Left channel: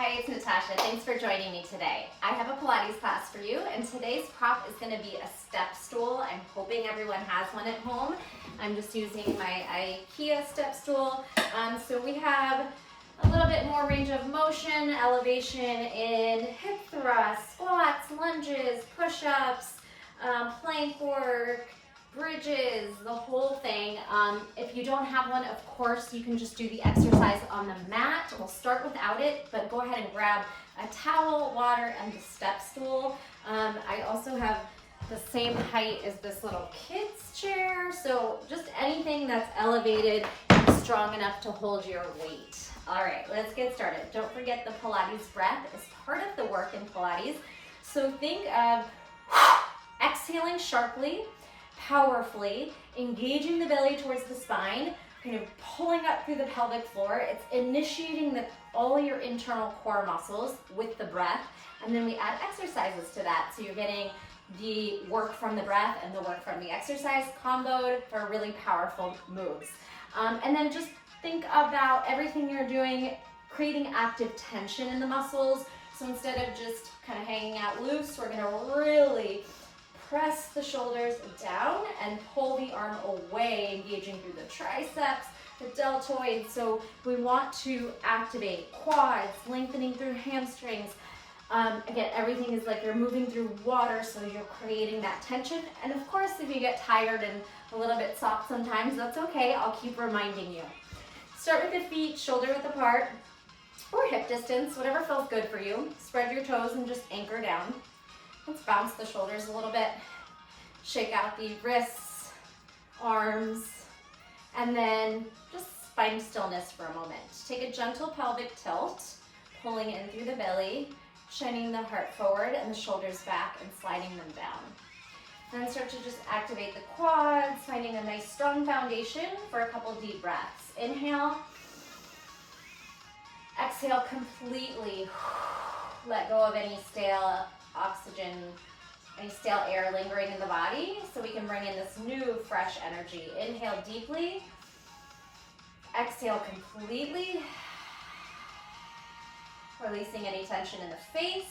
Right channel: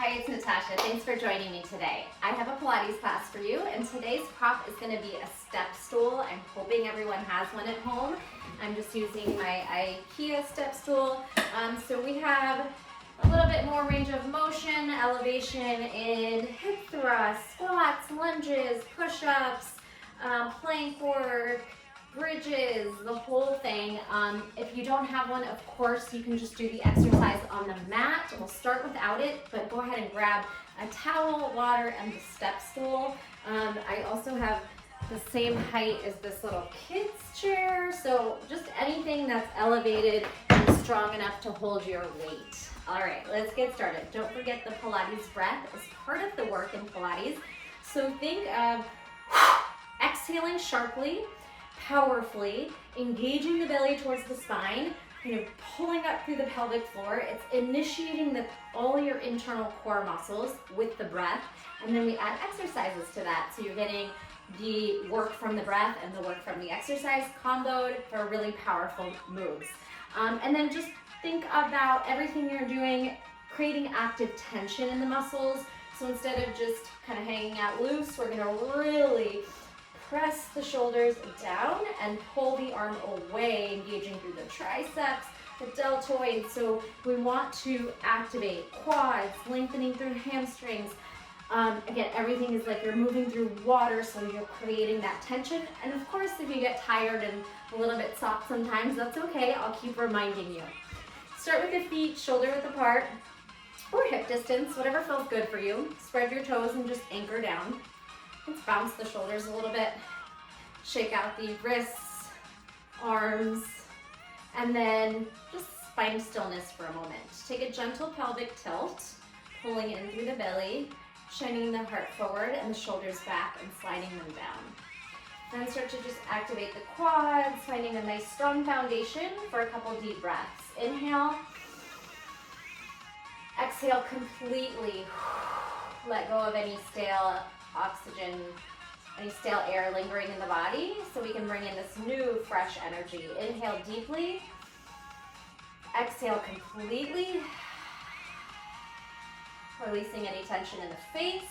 Hi, it's Natasha. Thanks for joining me today. I have a Pilates class for you, and today's prop is going to be a step stool. I'm hoping everyone has one at home. I'm just using my IKEA step stool. So we have a little bit more range of motion, elevation in hip thrusts, squats, lunges, push-ups, plank work, bridges, the whole thing. If you don't have one, of course, you can just do the exercise on the mat. We'll start without it, but go ahead and grab a towel, water, and the step stool. I also have the same height as this little kid's chair, so just anything that's elevated and strong enough to hold your weight. All right, let's get started. Don't forget the Pilates breath is part of the work in Pilates. So think of exhaling sharply, powerfully, engaging the belly towards the spine, kind of pulling up through the pelvic floor. It's initiating all your internal core muscles with the breath, and then we add exercises to that. So you're getting the work from the breath and the work from the exercise comboed for really powerful moves. And then just think about everything you're doing, creating active tension in the muscles. So instead of just kind of hanging out loose, we're gonna really press the shoulders down and pull the arm away, engaging through the triceps, the deltoids. So we want to activate quads, lengthening through hamstrings. Again, everything is like you're moving through water, so you're creating that tension. And of course, if you get tired and a little bit soft sometimes, that's okay. I'll keep reminding you. Start with the feet shoulder width apart or hip distance, whatever feels good for you. Spread your toes and just anchor down. Let's bounce the shoulders a little bit. Shake out the wrists, arms, and then just find stillness for a moment. Take a gentle pelvic tilt, pulling in through the belly, shining the heart forward and the shoulders back and sliding them down. Then start to just activate the quads, finding a nice strong foundation for a couple deep breaths. Inhale, exhale completely. Let go of any stale oxygen, any stale air lingering in the body, so we can bring in this new fresh energy. Inhale deeply, exhale completely, releasing any tension in the face,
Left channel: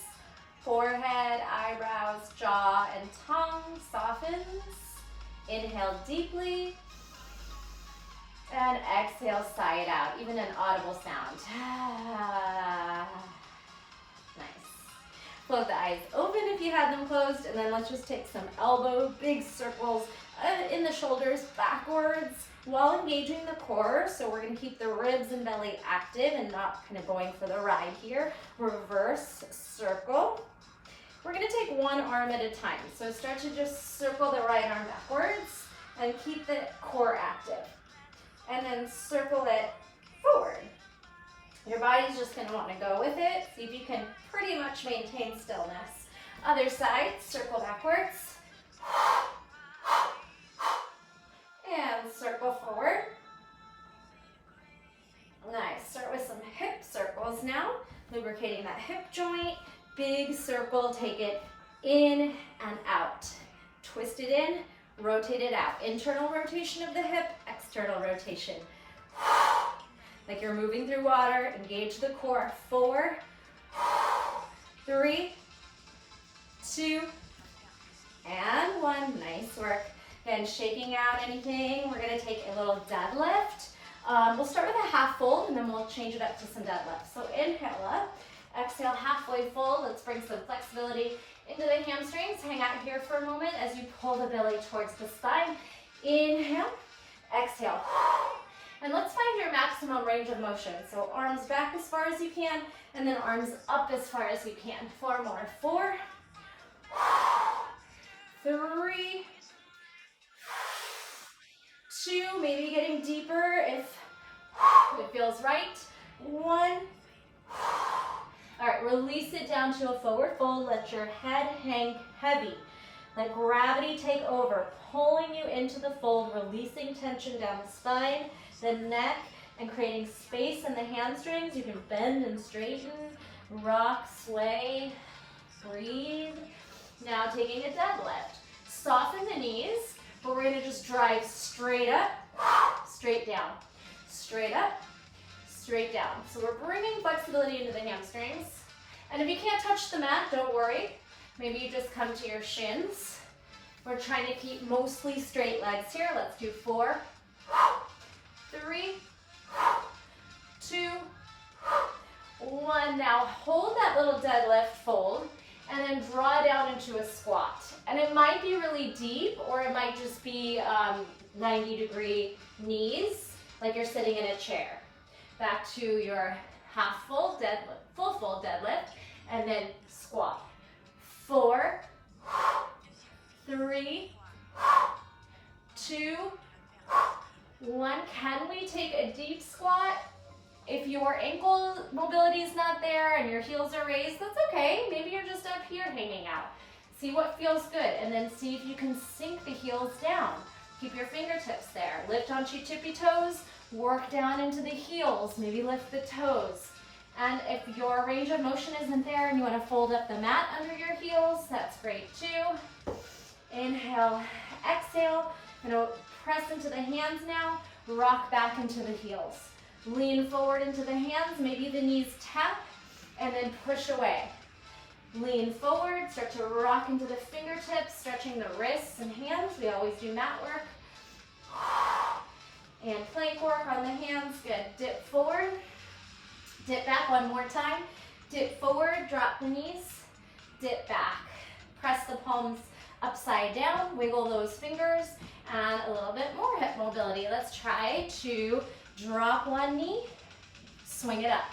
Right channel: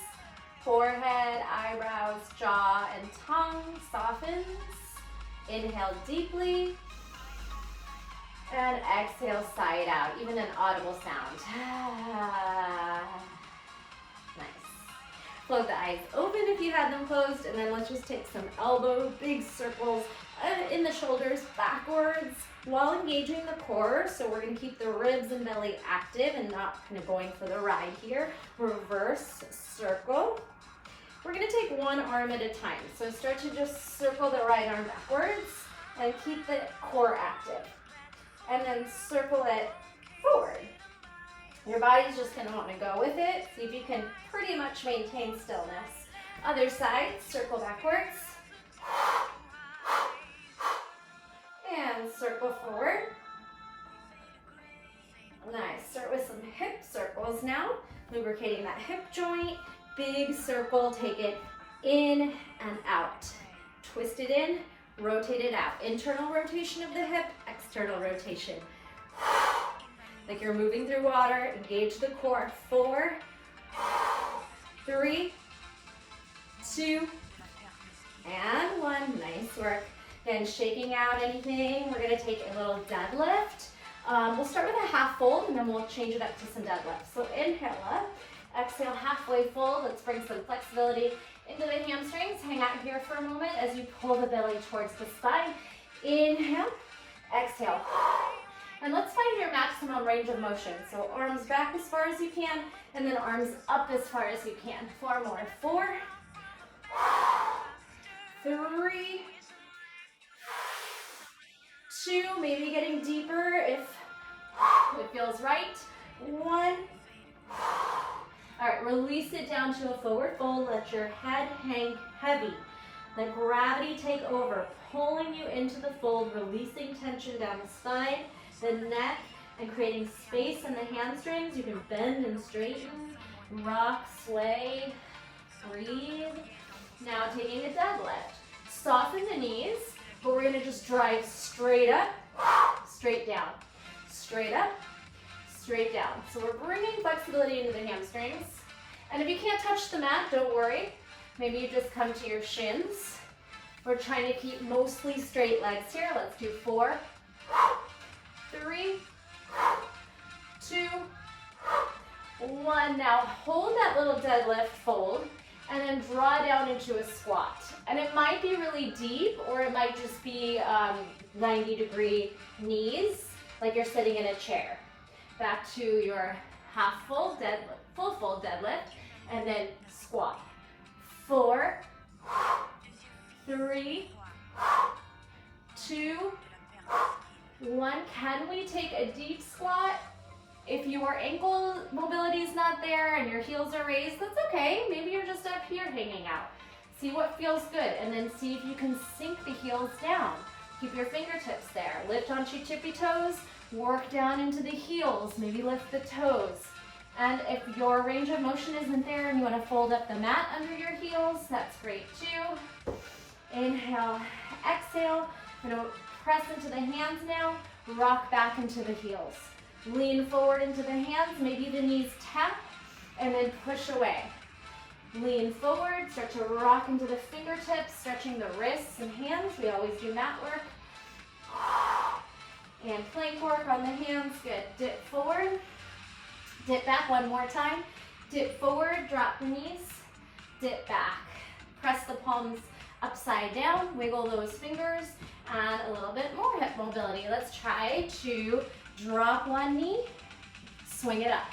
forehead, eyebrows, jaw, and tongue softens. Inhale deeply, and exhale, sigh it out, even an audible sound. Nice. Float the eyes open if you had them closed, and then let's just take some big circles in the shoulders backwards while engaging the core. So we're gonna keep the ribs and belly active and not kind of going for the ride here. Reverse circle. We're gonna take one arm at a time. So start to just circle the right arm backwards and keep the core active. And then circle it forward. Your body's just gonna wanna go with it. See if you can pretty much maintain stillness. Other side, circle backwards. And circle forward. Nice, start with some hip circles now. Lubricating that hip joint. Big circle, take it in and out. Twist it in, rotate it out. Internal rotation of the hip, external rotation. Like you're moving through water, engage the core. 4, 3, 2, and 1. Nice work. Then shaking out anything, we're gonna take a little deadlift. We'll start with a half fold and then we'll change it up to some deadlifts. So inhale up, exhale halfway fold. Let's bring some flexibility into the hamstrings. Hang out here for a moment as you pull the belly towards the spine. Inhale, exhale. And let's find your maximum range of motion. So arms back as far as you can, and then arms up as far as you can. 4 more. 4, 3, 2, maybe getting deeper if it feels right. 1. All right, release it down to a forward fold. Let your head hang heavy. Let gravity take over, pulling you into the fold, releasing tension down the spine, the neck, and creating space in the hamstrings. You can bend and straighten, rock, sway, breathe. Now taking a deadlift. Soften the knees, but we're gonna just drive straight up, straight down, straight up, straight down. So we're bringing flexibility into the hamstrings. And if you can't touch the mat, don't worry. Maybe you just come to your shins. We're trying to keep mostly straight legs here. Let's do 4, 3, 2, 1. Now hold that little deadlift fold and then draw down into a squat. And it might be really deep, or it might just be 90-degree knees, like you're sitting in a chair. Back to your half full deadlift, full deadlift, and then squat. 4, 3, 2, 1. Can we take a deep squat? If your ankle mobility is not there and your heels are raised, that's okay. Maybe you're just up here hanging out. See what feels good, and then see if you can sink the heels down. Keep your fingertips there. Lift onto your tippy toes, work down into the heels, maybe lift the toes. And if your range of motion isn't there and you want to fold up the mat under your heels, that's great too. Inhale, exhale. I'm going to press into the hands now, rock back into the heels. Lean forward into the hands, maybe the knees tap, and then push away. Lean forward, start to rock into the fingertips, stretching the wrists and hands. We always do mat work. And plank work on the hands, good. Dip forward, dip back one more time. Dip forward, drop the knees, dip back. Press the palms upside down, wiggle those fingers, and a little bit more hip mobility. Let's try to drop one knee, swing it up.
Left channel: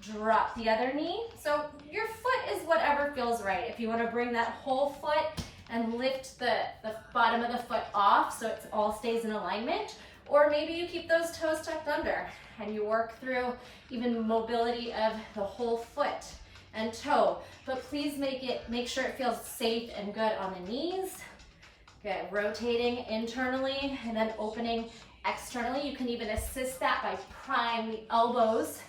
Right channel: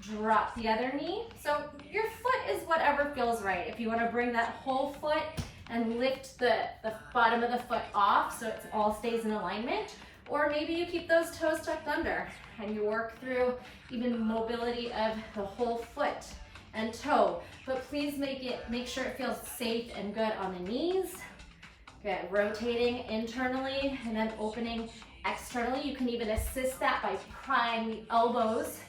Drop the other knee. So your foot is whatever feels right. If you want to bring that whole foot and lift the bottom of the foot off so it all stays in alignment, or maybe you keep those toes tucked under and you work through even mobility of the whole foot and toe. But please make sure it feels safe and good on the knees. Good. Rotating internally and then opening externally. You can even assist that by prying the elbows,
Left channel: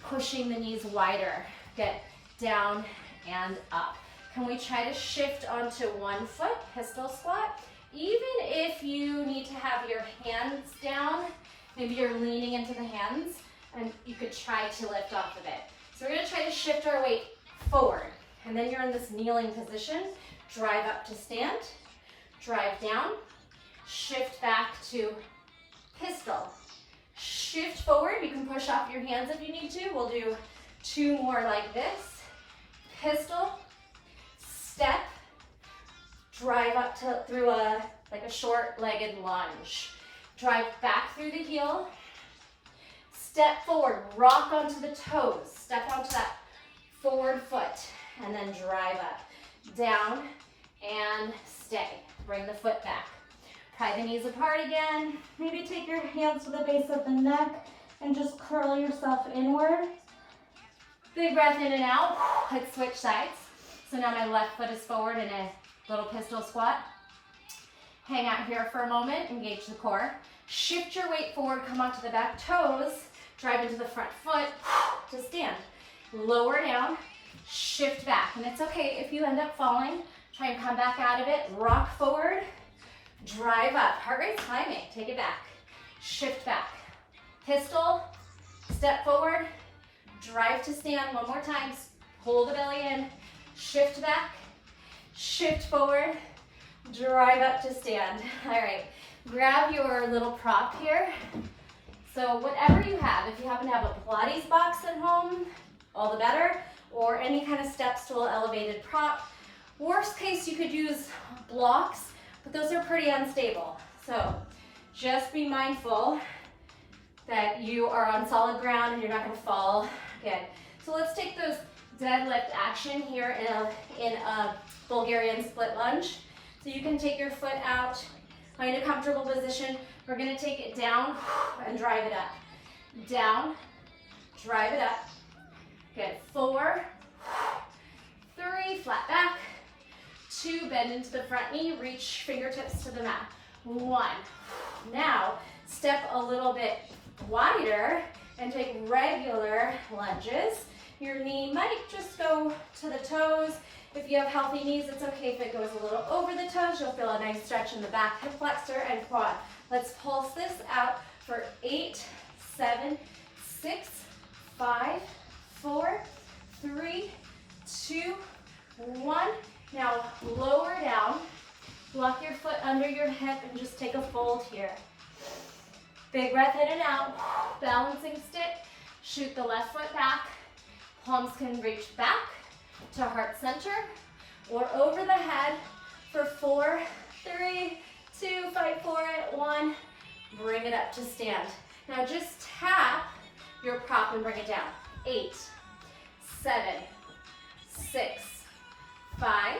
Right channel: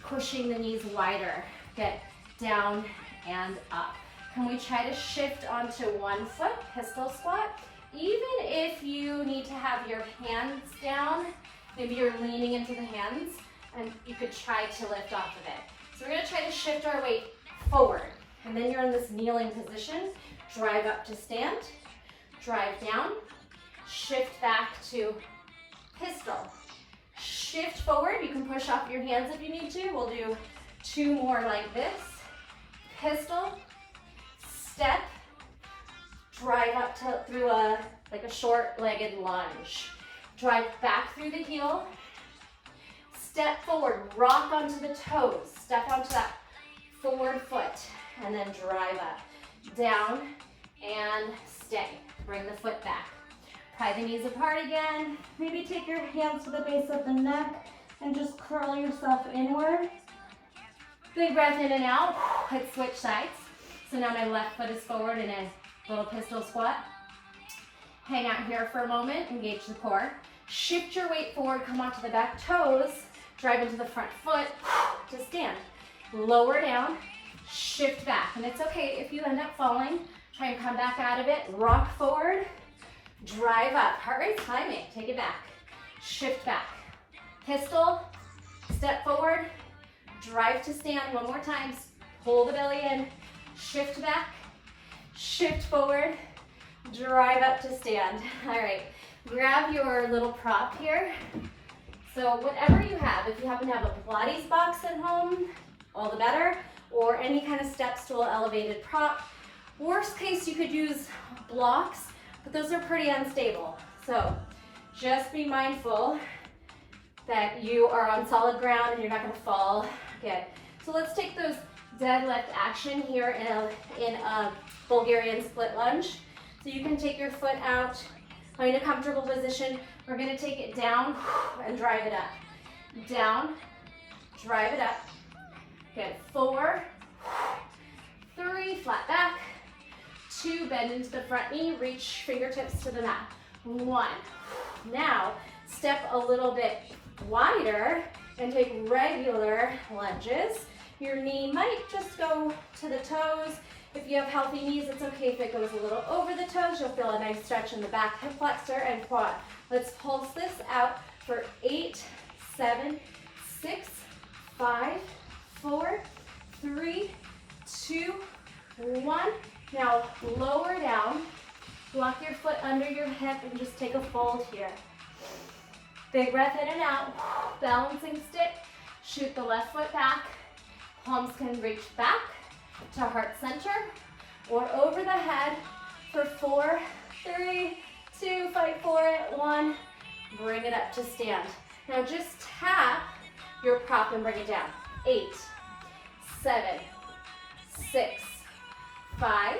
pushing the knees wider. Get down and up. Can we try to shift onto one foot, pistol squat? Even if you need to have your hands down, maybe you're leaning into the hands, and you could try to lift off of it. So we're gonna try to shift our weight forward. And then you're in this kneeling position. Drive up to stand, drive down, shift back to pistol. Shift forward, you can push off your hands if you need to. We'll do 2 more like this. Pistol, step, drive up through like a short-legged lunge. Drive back through the heel, step forward, rock onto the toes, step onto that forward foot, and then drive up, down, and stay. Bring the foot back. Pry the knees apart again. Maybe take your hands to the base of the neck and just curl yourself inward. Big breath in and out. Let's switch sides. So now my left foot is forward in a little pistol squat. Hang out here for a moment, engage the core. Shift your weight forward, come onto the back toes, drive into the front foot to stand. Lower down, shift back. And it's okay if you end up falling. Try and come back out of it. Rock forward, drive up. Heart rate's climbing. Take it back. Shift back. Pistol, step forward, drive to stand. One more time. Pull the belly in, shift back, shift forward, drive up to stand. All right, grab your little prop here. So whatever you have, if you happen to have a Pilates box at home, all the better, or any kind of step stool elevated prop. Worst case, you could use blocks, but those are pretty unstable. So just be mindful that you are on solid ground and you're not gonna fall. Good. So let's take those deadlift action here in a Bulgarian split lunge. So you can take your foot out, find a comfortable position. We're gonna take it down and drive it up. Down, drive it up. Good. 4, 3, flat back. 2, bend into the front knee, reach fingertips to the mat. 1. Now, step a little bit wider and take regular lunges. Your knee might just go to the toes. If you have healthy knees, it's okay if it goes a little over the toes. You'll feel a nice stretch in the back hip flexor and quad. Let's pulse this out for 8, 7, 6, 5, 4, 3, 2, 1. Now lower down, block your foot under your hip and just take a fold here. Big breath in and out, balancing stick, shoot the left foot back, palms can reach back to heart center or over the head for 4, 3, 2, fight for it, 1, bring it up to stand. Now just tap your prop and bring it down. 8, 7, 6, 5,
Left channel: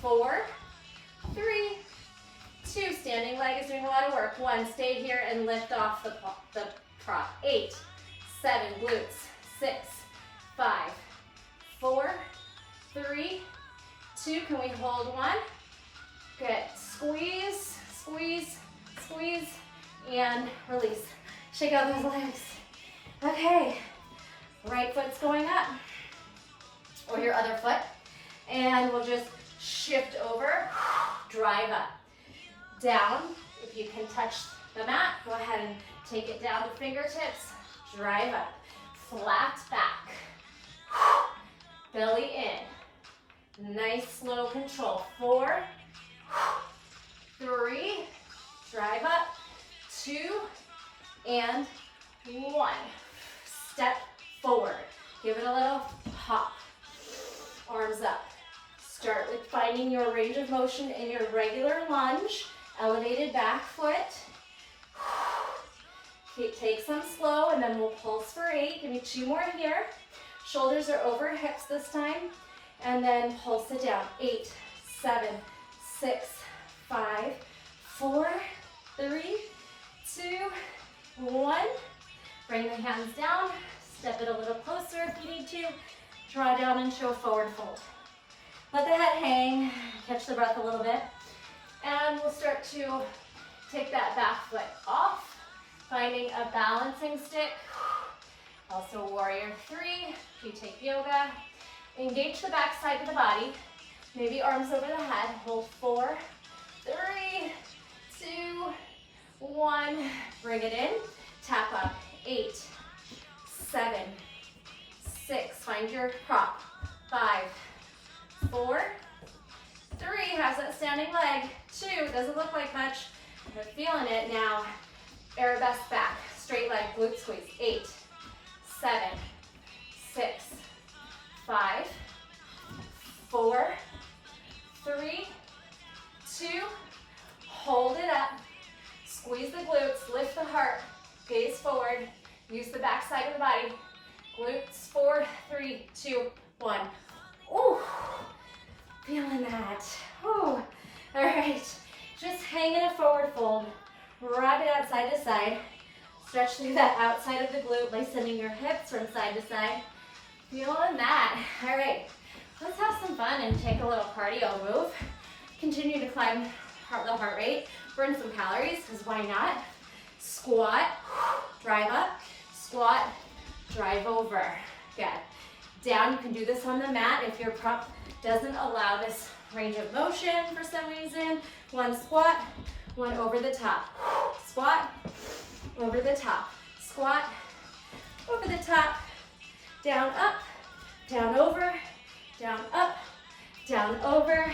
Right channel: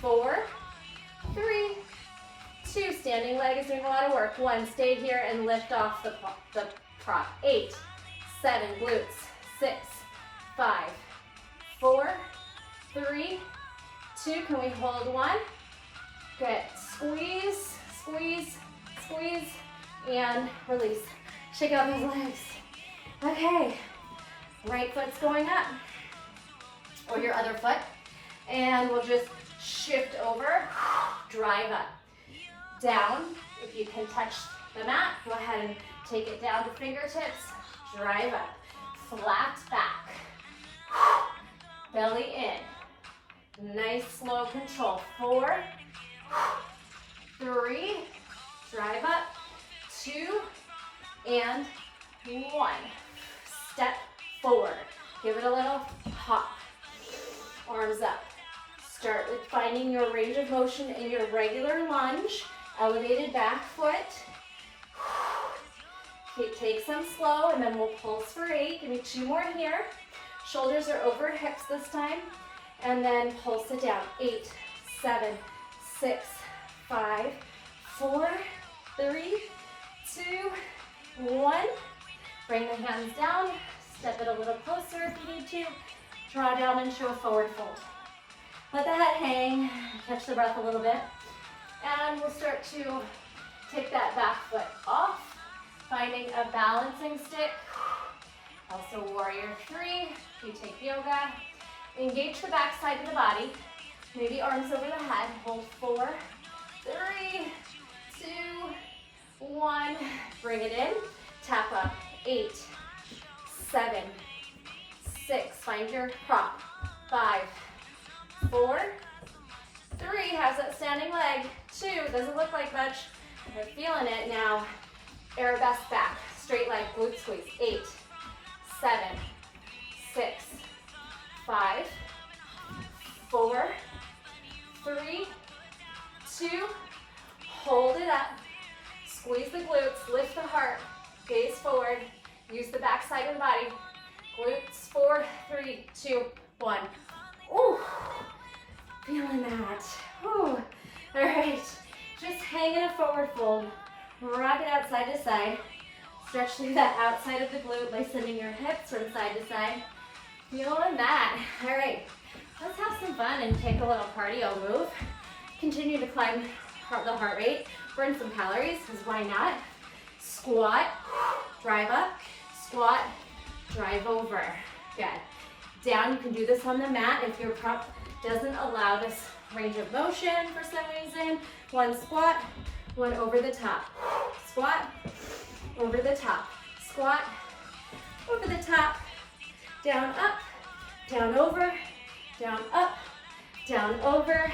4, 3, 2, standing leg is doing a lot of work. 1, stay here and lift off the prop. 8, 7, glutes. 6, 5, 4, 3, 2, can we hold 1? Good, squeeze, squeeze, squeeze, and release. Shake out those legs. Okay, right foot's going up, or your other foot, and we'll just shift over, drive up, down. If you can touch the mat, go ahead and take it down to fingertips, drive up, flat back, belly in, nice slow control, 4, 3, drive up, 2, and 1. Step forward, give it a little hop, arms up. Start with finding your range of motion in your regular lunge, elevated back foot. Take some slow and then we'll pulse for 8. Give me 2 more here. Shoulders are over hips this time. And then pulse it down. 8, 7, 6, 5, 4, 3, 2, 1. Bring the hands down. Step it a little closer if you need to. Draw down into a forward fold. Let the head hang. Catch the breath a little bit. And we'll start to take that back foot off. Finding a balancing stick, also warrior 3, if you take yoga. Engage the back side of the body, maybe arms over the head, hold 4, 3, 2, 1, bring it in, tap up, 8, 7, 6, find your prop, 5, 4, 3, how's that standing leg, 2, doesn't look like much, you're feeling it now. Arabesque back, straight leg, glute squeeze. 8, 7, 6, 5, 4, 3, 2, hold it up. Squeeze the glutes, lift the heart, gaze forward, use the back side of the body. Glutes, 4, 3, 2, 1. Ooh, feeling that. Ooh. All right, just hang in a forward fold. Rock it out side to side. Stretch through that outside of the glute by sending your hips from side to side. Feeling that. All right, let's have some fun and take a little cardio move. Continue to climb the heart rate. Burn some calories, because why not? Squat, drive up. Squat, drive over. Good. Down, you can do this on the mat if your prop doesn't allow this range of motion for some reason. 1 squat, 1 over the top. Squat, over the top. Squat, over the top. Down, up, down, over, down, up, down, over.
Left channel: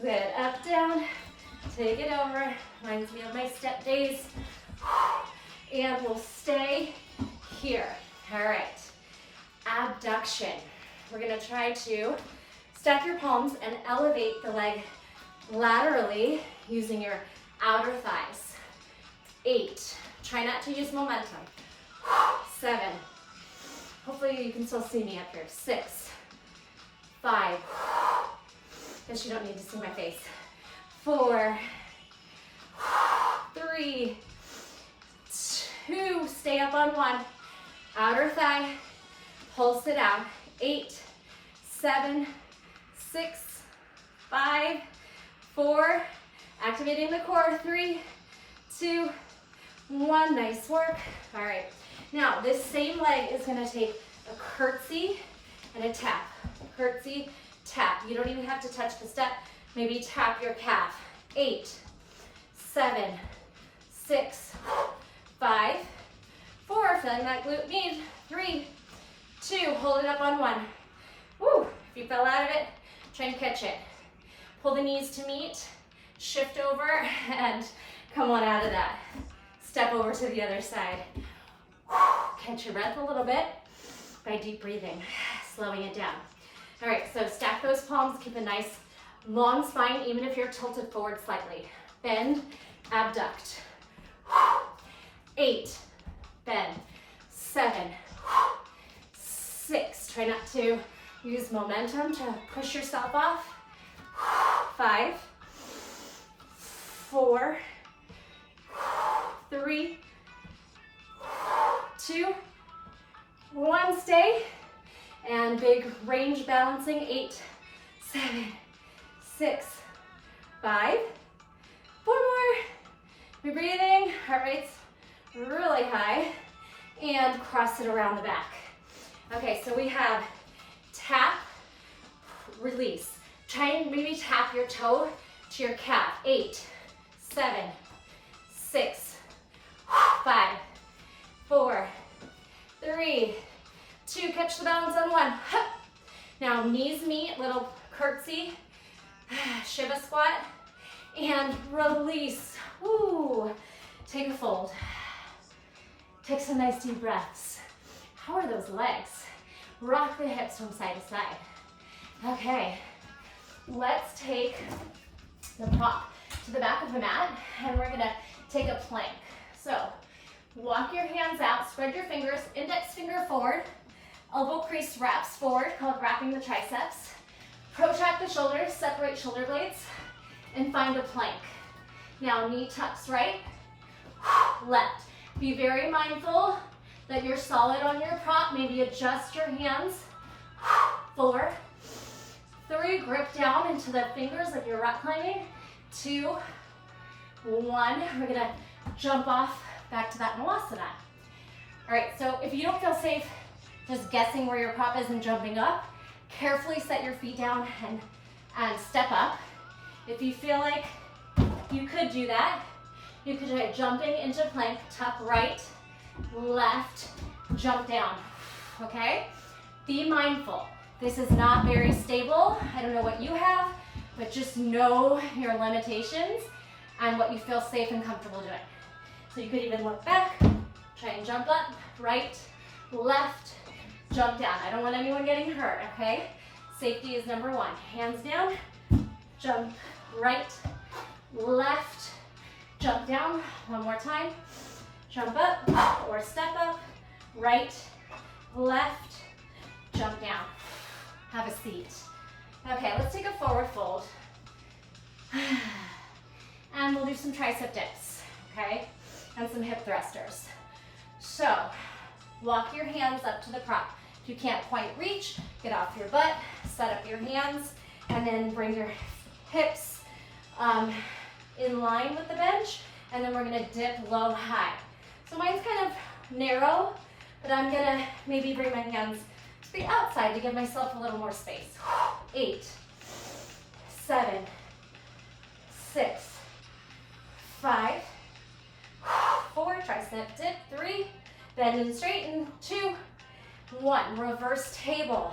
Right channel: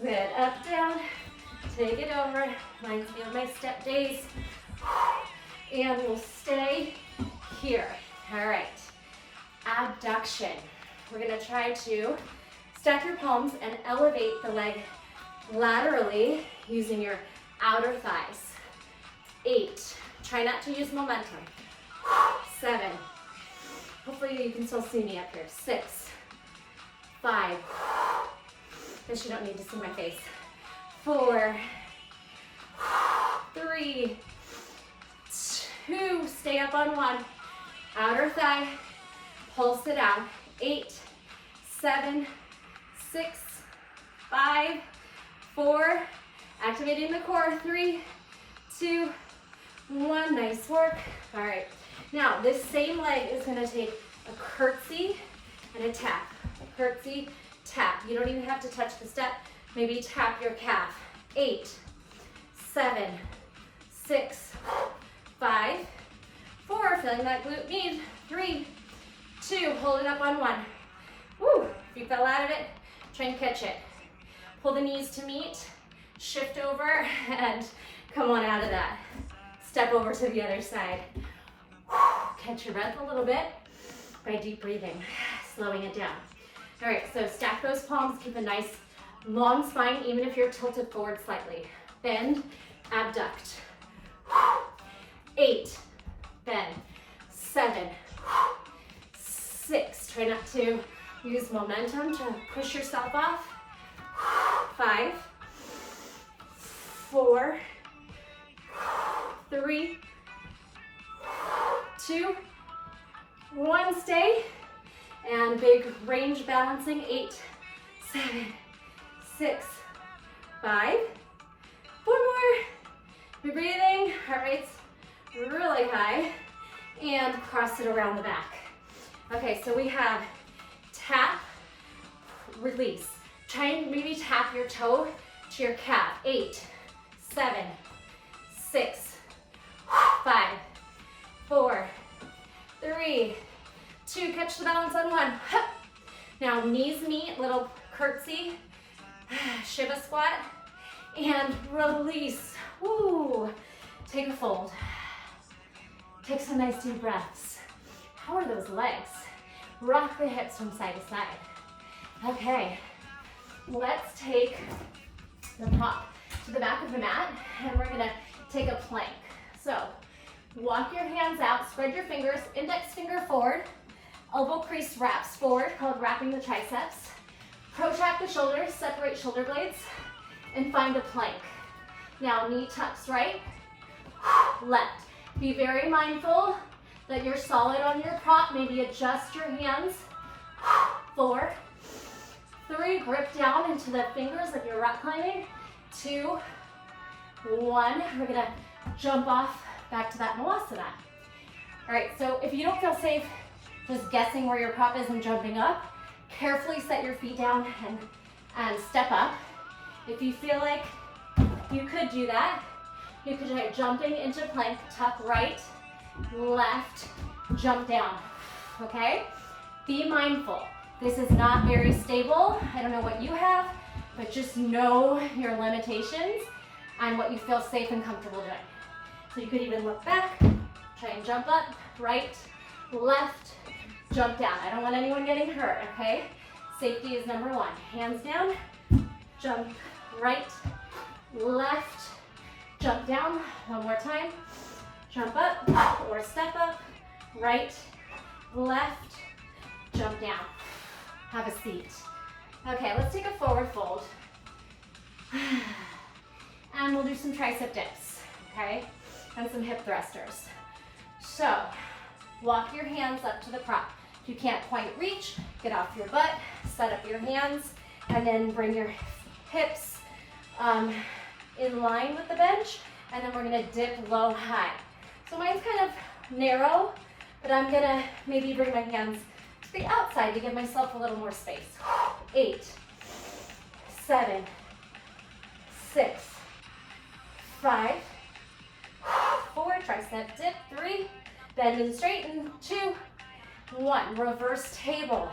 Good, up, down. Take it over. Reminds me of my step days. And we'll stay here. All right. Abduction. We're going to try to stack your palms and elevate the leg laterally using your outer thighs. 8. Try not to use momentum. 7. Hopefully you can still see me up here. 6. 5. Guess you don't need to see my face. 4. 3. 2. Stay up on 1. Outer thigh. Pulse it out. 8. 7. 6. 5. 4. Activating the core. 3, 2, 1. Nice work. All right. Now, this same leg is going to take a curtsy and a tap. Curtsy, tap. You don't even have to touch the step. Maybe tap your calf. 8, 7, 6, 5, 4, feeling that glute med. 3, 2, hold it up on 1. Woo, if you fell out of it, try and catch it. Pull the knees to meet, shift over, and come on out of that. Step over to the other side. Catch your breath a little bit by deep breathing, slowing it down. All right, so stack those palms, keep a nice long spine, even if you're tilted forward slightly. Bend, abduct. 8, bend. 7, 6, try not to use momentum to push yourself off. 5, 4, 3, 2, 1, stay. And big range balancing, 8, 7, 6, 5, 4 more. Be breathing, heart rate's really high. And cross it around the back. Okay, so we have tap, release. Try and maybe tap your toe to your calf. 8, 7, 6, 5, 4, 3, 2, catch the balance on 1. Now knees meet, little curtsy, Shiva squat, and release. Woo. Take a fold. Take some nice deep breaths. How are those legs? Rock the hips from side to side. Okay, let's take the prop to the back of the mat, and we're gonna take a plank. So walk your hands out, spread your fingers, index finger forward, elbow crease wraps forward, called wrapping the triceps. Protract the shoulders, separate shoulder blades, and find a plank. Now knee tucks right, left. Be very mindful that you're solid on your prop. Maybe adjust your hands. 4, 3, grip down into the fingers if you're rock climbing. 2, 1. We're gonna jump off back to that Malasana. All right, so if you don't feel safe just guessing where your prop is and jumping up, carefully set your feet down and step up. If you feel like you could do that, you could try jumping into plank, tuck right, left, jump down, okay? Be mindful. This is not very stable. I don't know what you have, but just know your limitations and what you feel safe and comfortable doing. So you could even look back, try and jump up, right, left, jump down. I don't want anyone getting hurt, okay? Safety is number 1. Hands down, jump right, left, jump down. One more time. Jump up or step up, right, left, jump down. Have a seat. Okay, let's take a forward fold. And we'll do some tricep dips, okay? And some hip thrusters. So, walk your hands up to the prop. If you can't quite reach, get off your butt, set up your hands, and then bring your hips in line with the bench, and then we're gonna dip low, high. So mine's kind of narrow, but I'm gonna maybe bring my hands to the outside to give myself a little more space. 8, 7, 6, 5, 4, tricep dip, 3, bend and straighten, 2, 1, reverse table.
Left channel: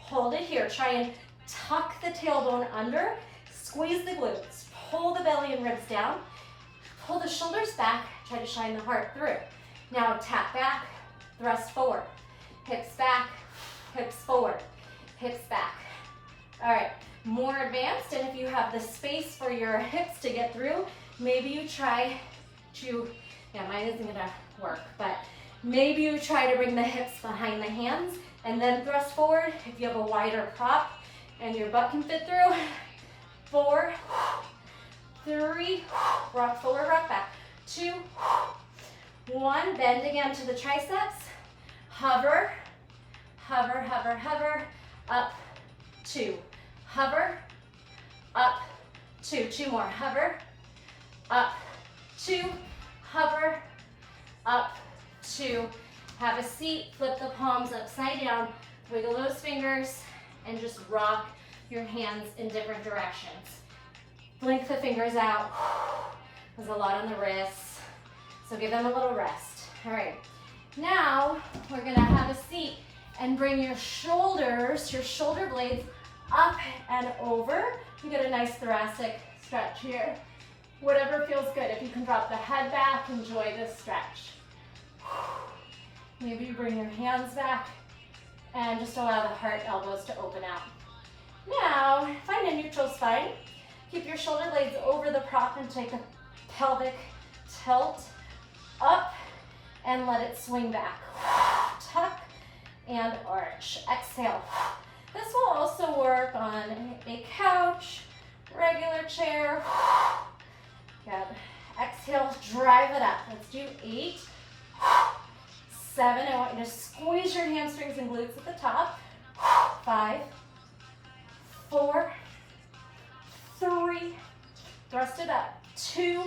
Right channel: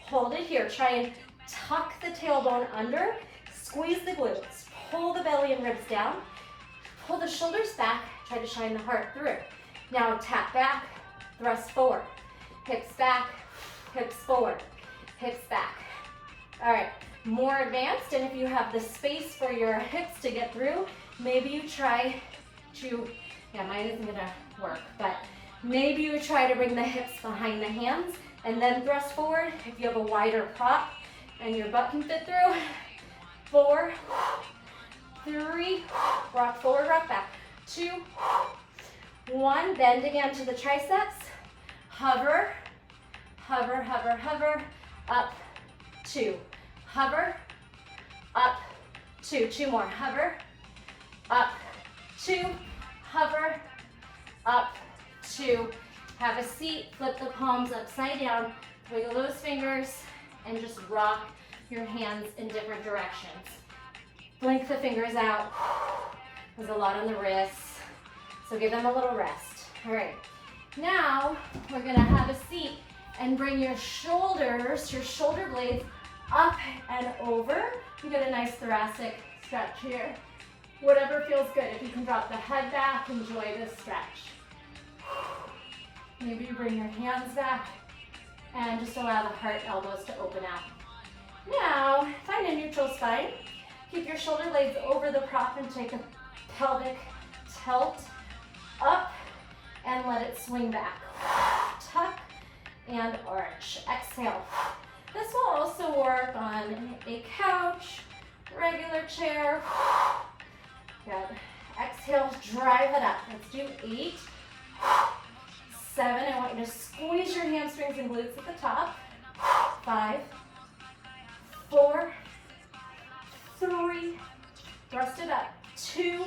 Hold it here, try and tuck the tailbone under, squeeze the glutes, pull the belly and ribs down, pull the shoulders back, try to shine the heart through. Now tap back, thrust forward, hips back, hips forward, hips back. All right, more advanced, and if you have the space for your hips to get through, maybe you try to, yeah, mine isn't gonna work, but maybe you try to bring the hips behind the hands and then thrust forward if you have a wider prop and your butt can fit through. 4, 3, rock forward, rock back. 2, 1, bend again to the triceps. Hover, hover, hover, hover, up, 2. Hover, up, 2. 2 more, hover, up, 2. Hover, up, 2. Have a seat, flip the palms upside down, wiggle those fingers, and just rock your hands in different directions. Blink the fingers out. There's a lot on the wrists, so give them a little rest. All right, Now, we're gonna have a seat and bring your shoulders, your shoulder blades up and over. You get a nice thoracic stretch here. Whatever feels good. If you can drop the head back, enjoy this stretch. Maybe you bring your hands back and just allow the heart elbows to open out. Now, find a neutral spine. Keep your shoulder blades over the prop and take a pelvic tilt up and let it swing back. Tuck and arch. Exhale. This will also work on a couch, regular chair. Good. Exhale, drive it up. Let's do 8, 7. I want you to squeeze your hamstrings and glutes at the top. 5, 4, 3, thrust it up. 2,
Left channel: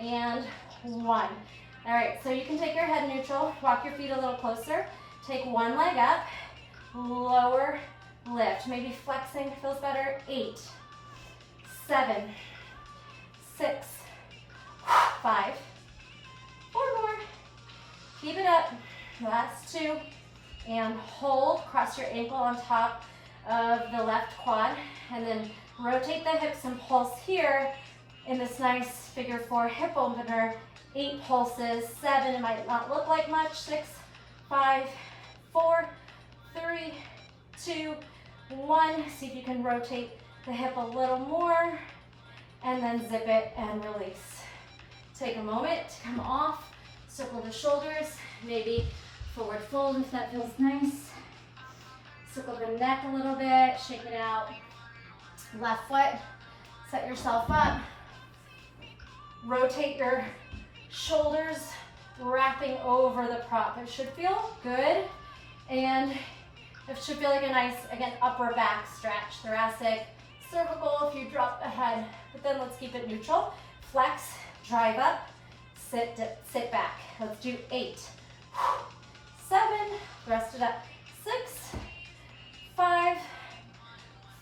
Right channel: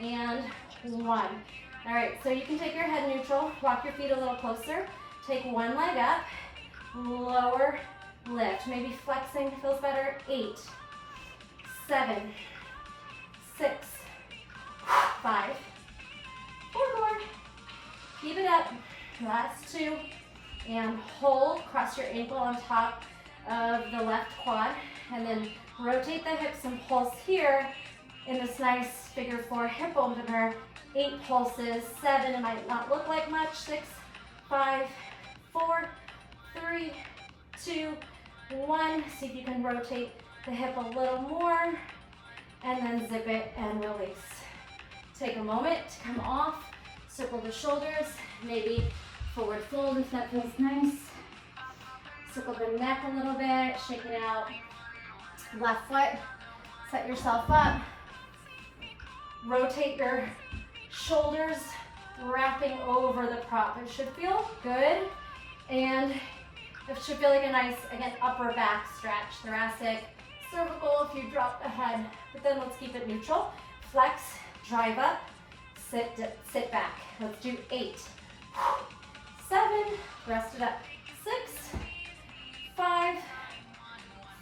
and 1. All right, so you can take your head neutral, walk your feet a little closer, take one leg up, lower, lift. Maybe flexing feels better. 8, 7, 6, 5, 4 more. Keep it up. Last 2. And hold. Cross your ankle on top of the left quad. And then rotate the hips and pulse here in this nice figure 4 hip opener. 8 pulses. 7. It might not look like much. 6, 5, 4, 3, 2, 1. See if you can rotate the hip a little more. And then zip it and release. Take a moment to come off. Circle the shoulders. Maybe forward fold if that feels nice. Circle the neck a little bit. Shake it out. Left foot. Set yourself up. Rotate your shoulders, wrapping over the prop. It should feel good. And it should feel like a nice, again, upper back stretch. Thoracic, cervical if you drop the head. But then let's keep it neutral. Flex, drive up, sit back. Let's do 8, 7, thrust it up. 6, 5,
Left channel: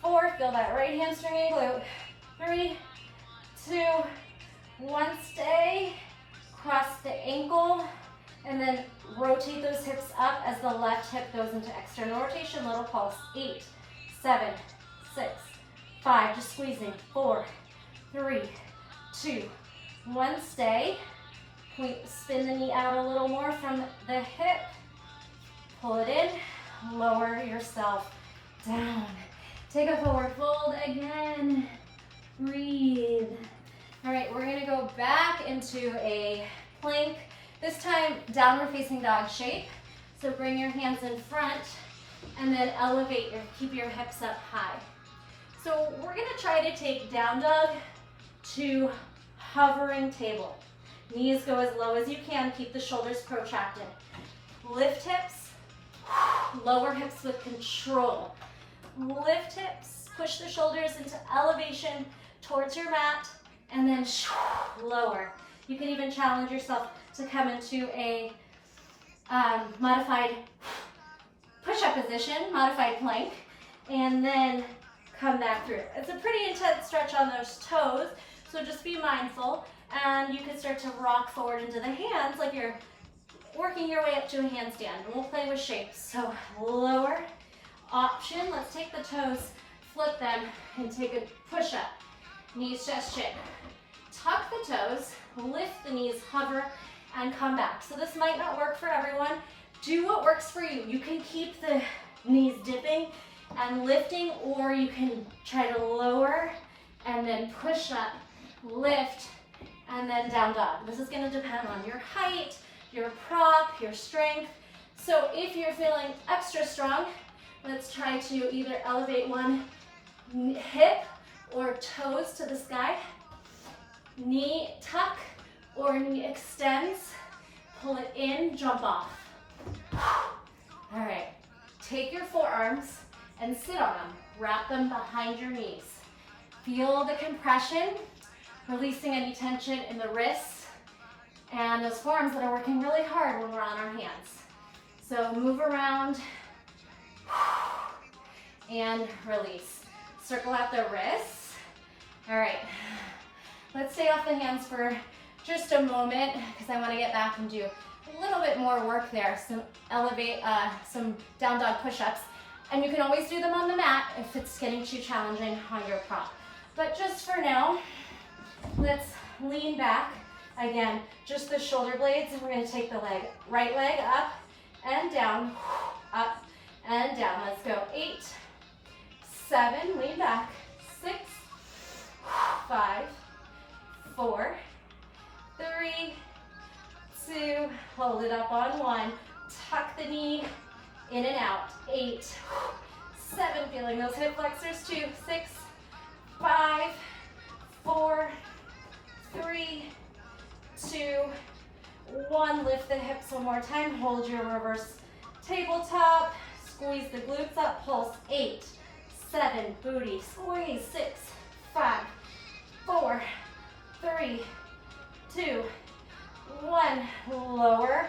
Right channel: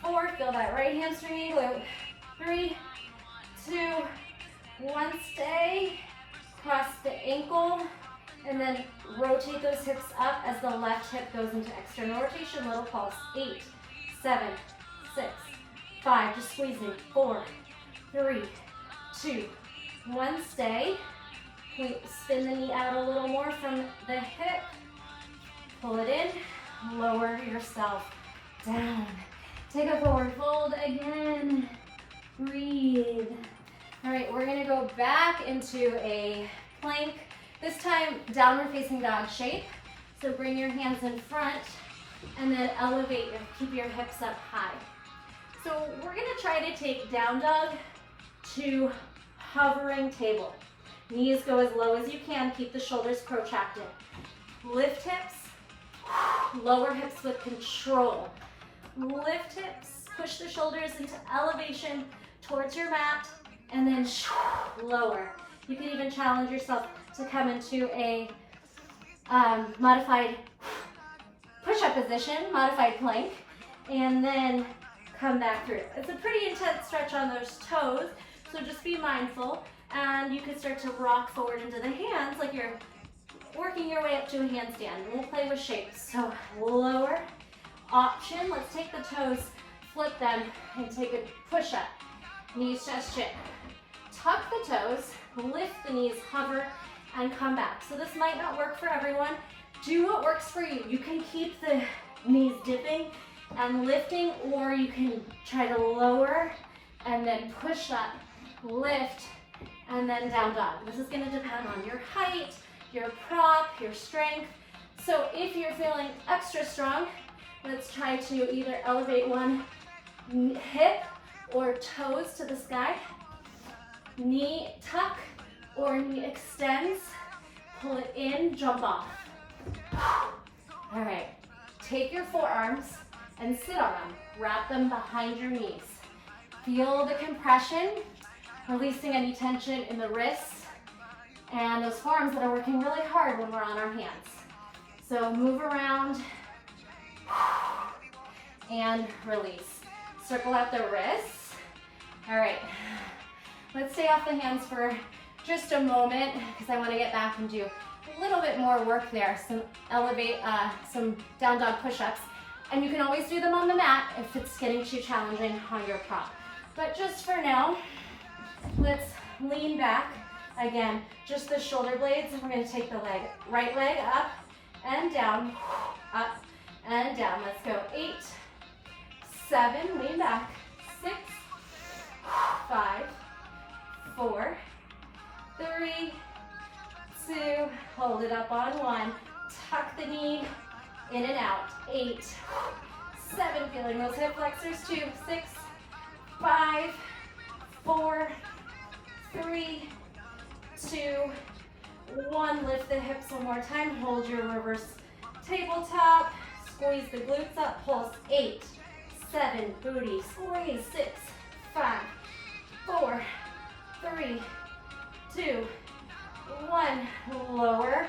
4, feel that right hamstring and glute. 3, 2, 1, stay. Cross the ankle, and then rotate those hips up as the left hip goes into external rotation. Little pulse. 8, 7, 6, 5, just squeezing. 4, 3, 2, 1, stay. Spin the knee out a little more from the hip. Pull it in, lower yourself down. Take a forward fold again. Breathe. All right, we're gonna go back into a plank. This time, downward facing dog shape. So bring your hands in front and then elevate, keep your hips up high. So we're gonna try to take down dog to hovering table. Knees go as low as you can, keep the shoulders protracted. Lift hips, lower hips with control. Lift hips, push the shoulders into elevation towards your mat, and then lower. You can even challenge yourself to come into a modified push-up position, modified plank, and then come back through. It's a pretty intense stretch on those toes, so just be mindful. And you can start to rock forward into the hands like you're working your way up to a handstand. We'll play with shapes. So lower option. Let's take the toes, flip them, and take a push-up. Knees, chest, chin. Tuck the toes, lift the knees, hover, and come back. So this might not work for everyone. Do what works for you. You can keep the knees dipping and lifting, or you can try to lower and then push up, lift, and then down dog. This is going to depend on your height, your prop, your strength. So if you're feeling extra strong, let's try to either elevate one hip or toes to the sky. Knee tuck or knee extends. Pull it in, jump off. All right, take your forearms and sit on them. Wrap them behind your knees. Feel the compression, releasing any tension in the wrists and those forearms that are working really hard when we're on our hands. So move around and release. Circle out the wrists. All right, let's stay off the hands for just a moment because I want to get back and do little bit more work there, some down dog push-ups. And you can always do them on the mat if it's getting too challenging on your prop. But just for now, let's lean back. Again, just the shoulder blades. We're gonna take the right leg up and down, up and down. Let's go. 8, 7, lean back. 6, 5, 4, 3, 2, hold it up on 1. Tuck the knee in and out. 8, 7, feeling those hip flexors. 2, 6, 5, 4, 3, 2, 1. Lift the hips one more time. Hold your reverse tabletop. Squeeze the glutes up. Pulse. 8, 7, booty. Squeeze. 6, 5, 4, 3, 2, 1. Lower.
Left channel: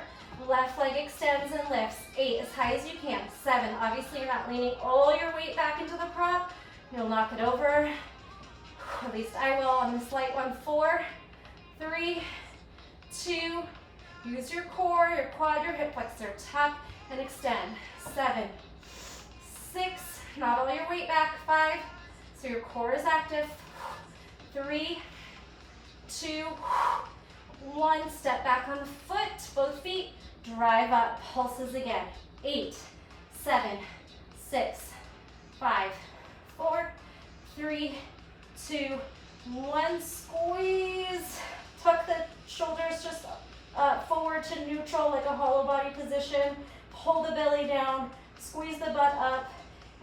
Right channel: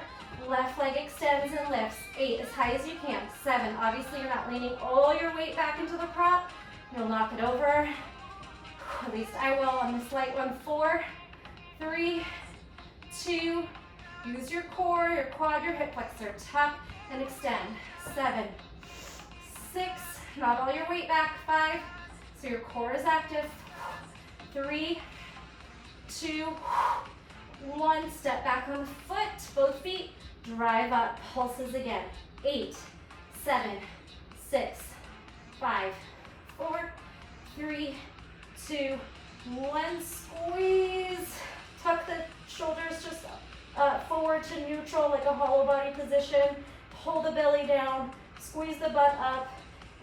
Left leg extends and lifts. 8, as high as you can. 7, obviously you're not leaning all your weight back into the prop. You'll knock it over. At least I will on this light one. 4, 3, 2, use your core, your quad, your hip flexor. Tuck and extend. 7, 6, not all your weight back. 5, so your core is active. 3, 2, 1. Step back on foot, both feet. Drive up. Pulses again. 8, 7, 6, 5, 4, 3, 2, 1. Squeeze. Tuck the shoulders just forward to neutral, like a hollow body position. Pull the belly down. Squeeze the butt up.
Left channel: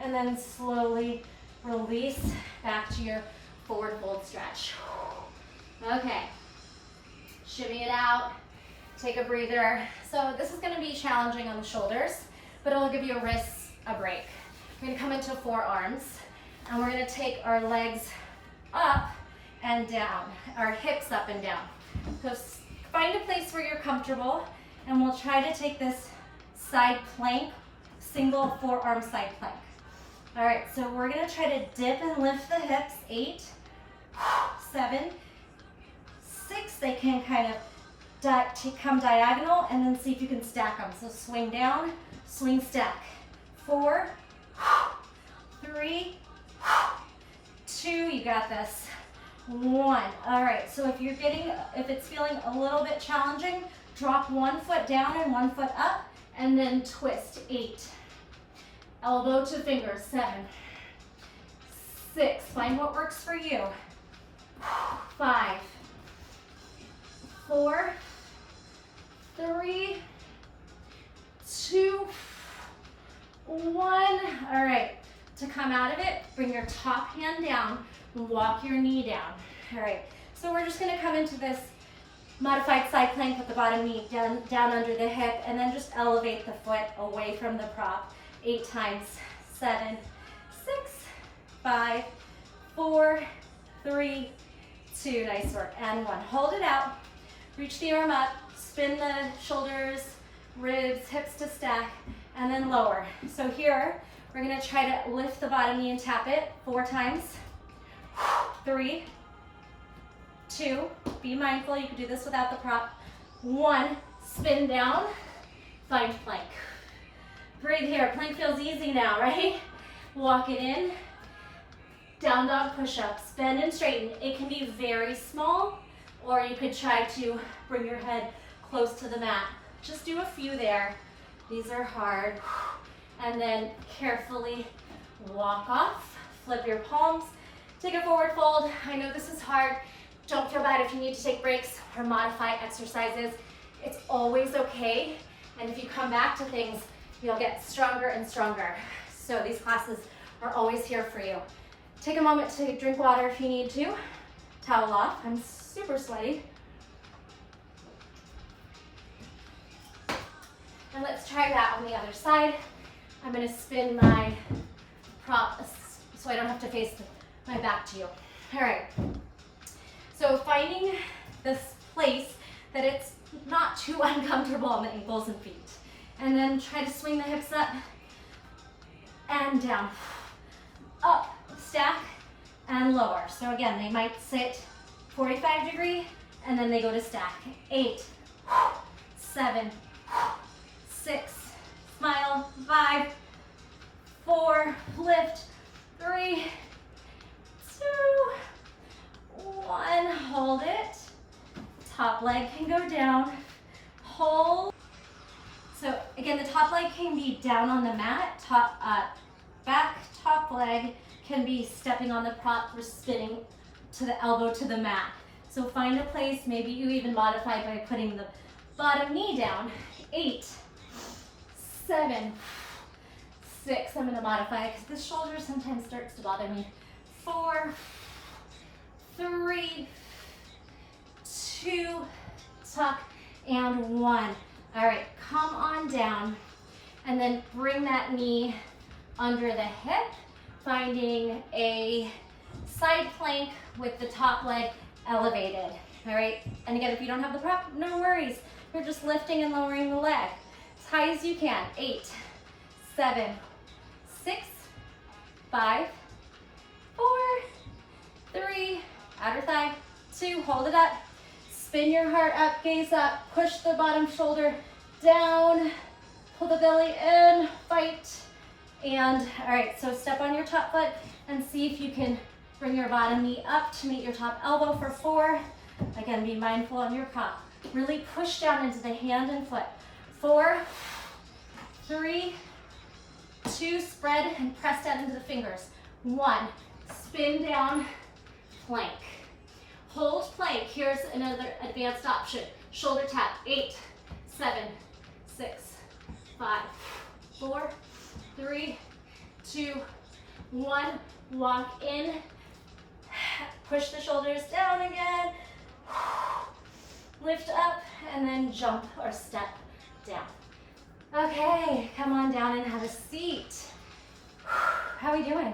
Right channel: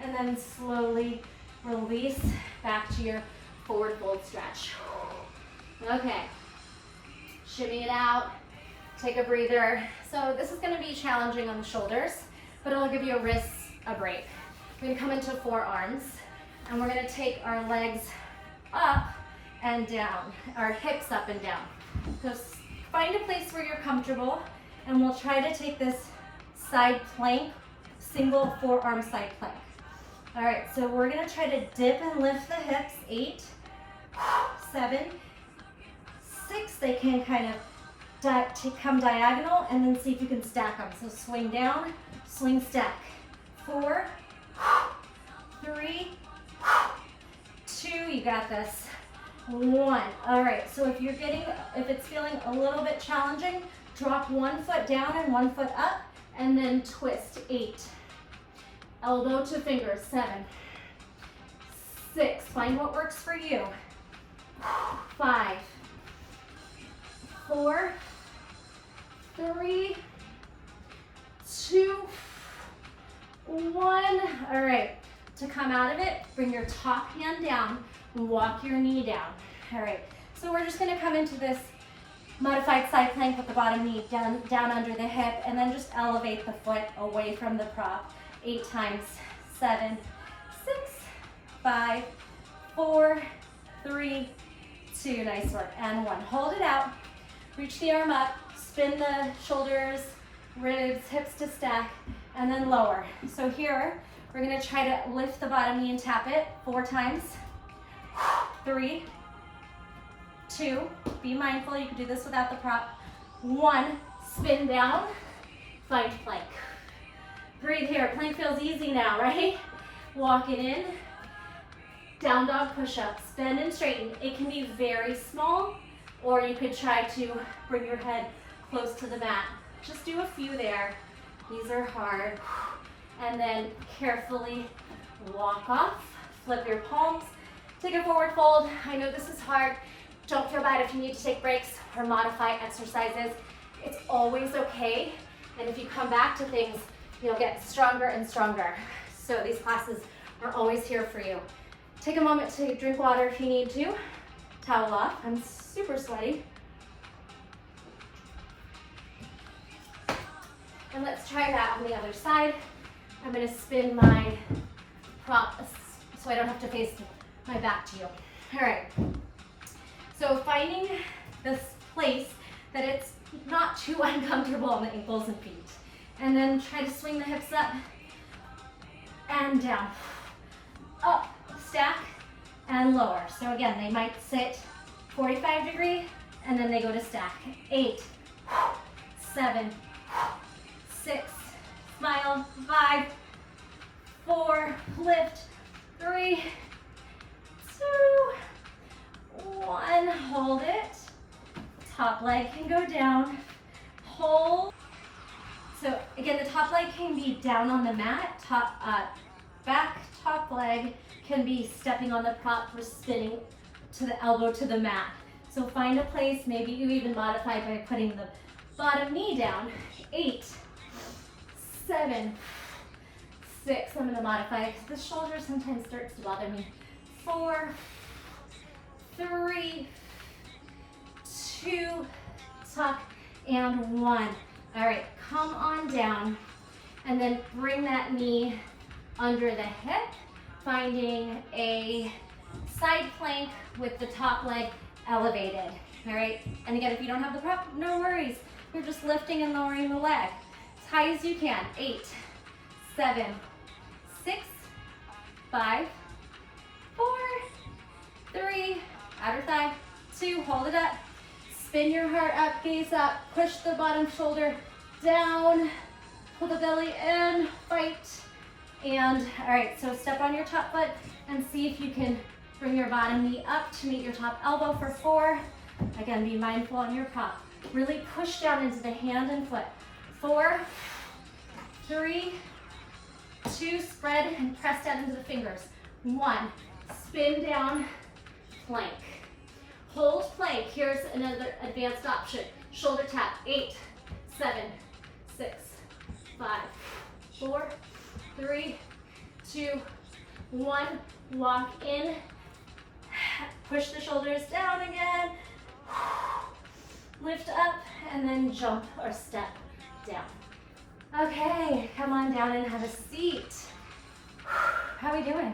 And then slowly release back to your forward fold stretch. Okay. Shimmy it out. Take a breather. So this is going to be challenging on the shoulders, but it'll give your wrists a break. We're going to come into forearms, and we're going to take our legs up and down, our hips up and down. So find a place where you're comfortable, and we'll try to take this side plank, single forearm side plank. All right, so we're going to try to dip and lift the hips. 8, 7, 6. They can kind of come diagonal, and then see if you can stack them. So swing down, swing, stack. 4, 3, 2, you got this. 1. All right, so if it's feeling a little bit challenging, drop one foot down and one foot up, and then twist. 8. Elbow to fingers. 7, 6. Find what works for you. 5, 4, 3, 2, 1. All right, to come out of it, bring your top hand down, walk your knee down. All right, so we're just gonna come into this modified side plank with the bottom knee down under the hip, and then just elevate the foot away from the prop. 8 times. 7, 6, 5, 4, 3, 2, nice work, and 1. Hold it out, reach the arm up, spin the shoulders, ribs, hips to stack, and then lower. So here, we're gonna try to lift the bottom knee and tap it 4 times. 3, 2, be mindful, you can do this without the prop. 1, spin down, find plank. Breathe here, plank feels easy now, right? Walk it in, down dog push-ups, bend and straighten. It can be very small, or you could try to bring your head close to the mat. Just do a few there. These are hard. And then carefully walk off, flip your palms, take a forward fold. I know this is hard. Don't feel bad if you need to take breaks or modify exercises. It's always okay. And if you come back to things, you'll get stronger and stronger. So these classes are always here for you. Take a moment to drink water if you need to. Towel off. I'm super sweaty. And let's try that on the other side. I'm gonna spin my prop so I don't have to face my back to you. All right. So finding this place that it's not too uncomfortable on the ankles and feet. And then try to swing the hips up and down. Up, stack, and lower. So again, they might sit 45 degree, and then they go to stack. 8, 7, 6, smile, 5, 4, lift, 3, 2, 1, hold it. Top leg can go down, hold. So again, the top leg can be down on the mat, back top leg can be stepping on the prop for spinning to the elbow to the mat. So find a place, maybe you even modify by putting the bottom knee down. 8, 7, 6, I'm gonna modify it because the shoulder sometimes starts to bother me. 4, 3, 2, tuck, and 1. All right, come on down and then bring that knee under the hip, finding a side plank with the top leg elevated. All right, and again, if you don't have the prop, no worries. We're just lifting and lowering the leg as high as you can. 8, 7, 6, 5, 4, 3, outer thigh, 2, hold it up. Spin your heart up, gaze up, push the bottom shoulder down, pull the belly in, fight. And all right, so step on your top foot and see if you can bring your bottom knee up to meet your top elbow for 4. Again, be mindful on your prop. Really push down into the hand and foot. 4, 3, 2, spread and press down into the fingers. 1, spin down, plank. Hold plank. Here's another advanced option. Shoulder tap. 8, 7, 6, 5, 4, 3, 2, 1. Walk in. Push the shoulders down again. Lift up and then jump or step down. Okay, come on down and have a seat. How are we doing?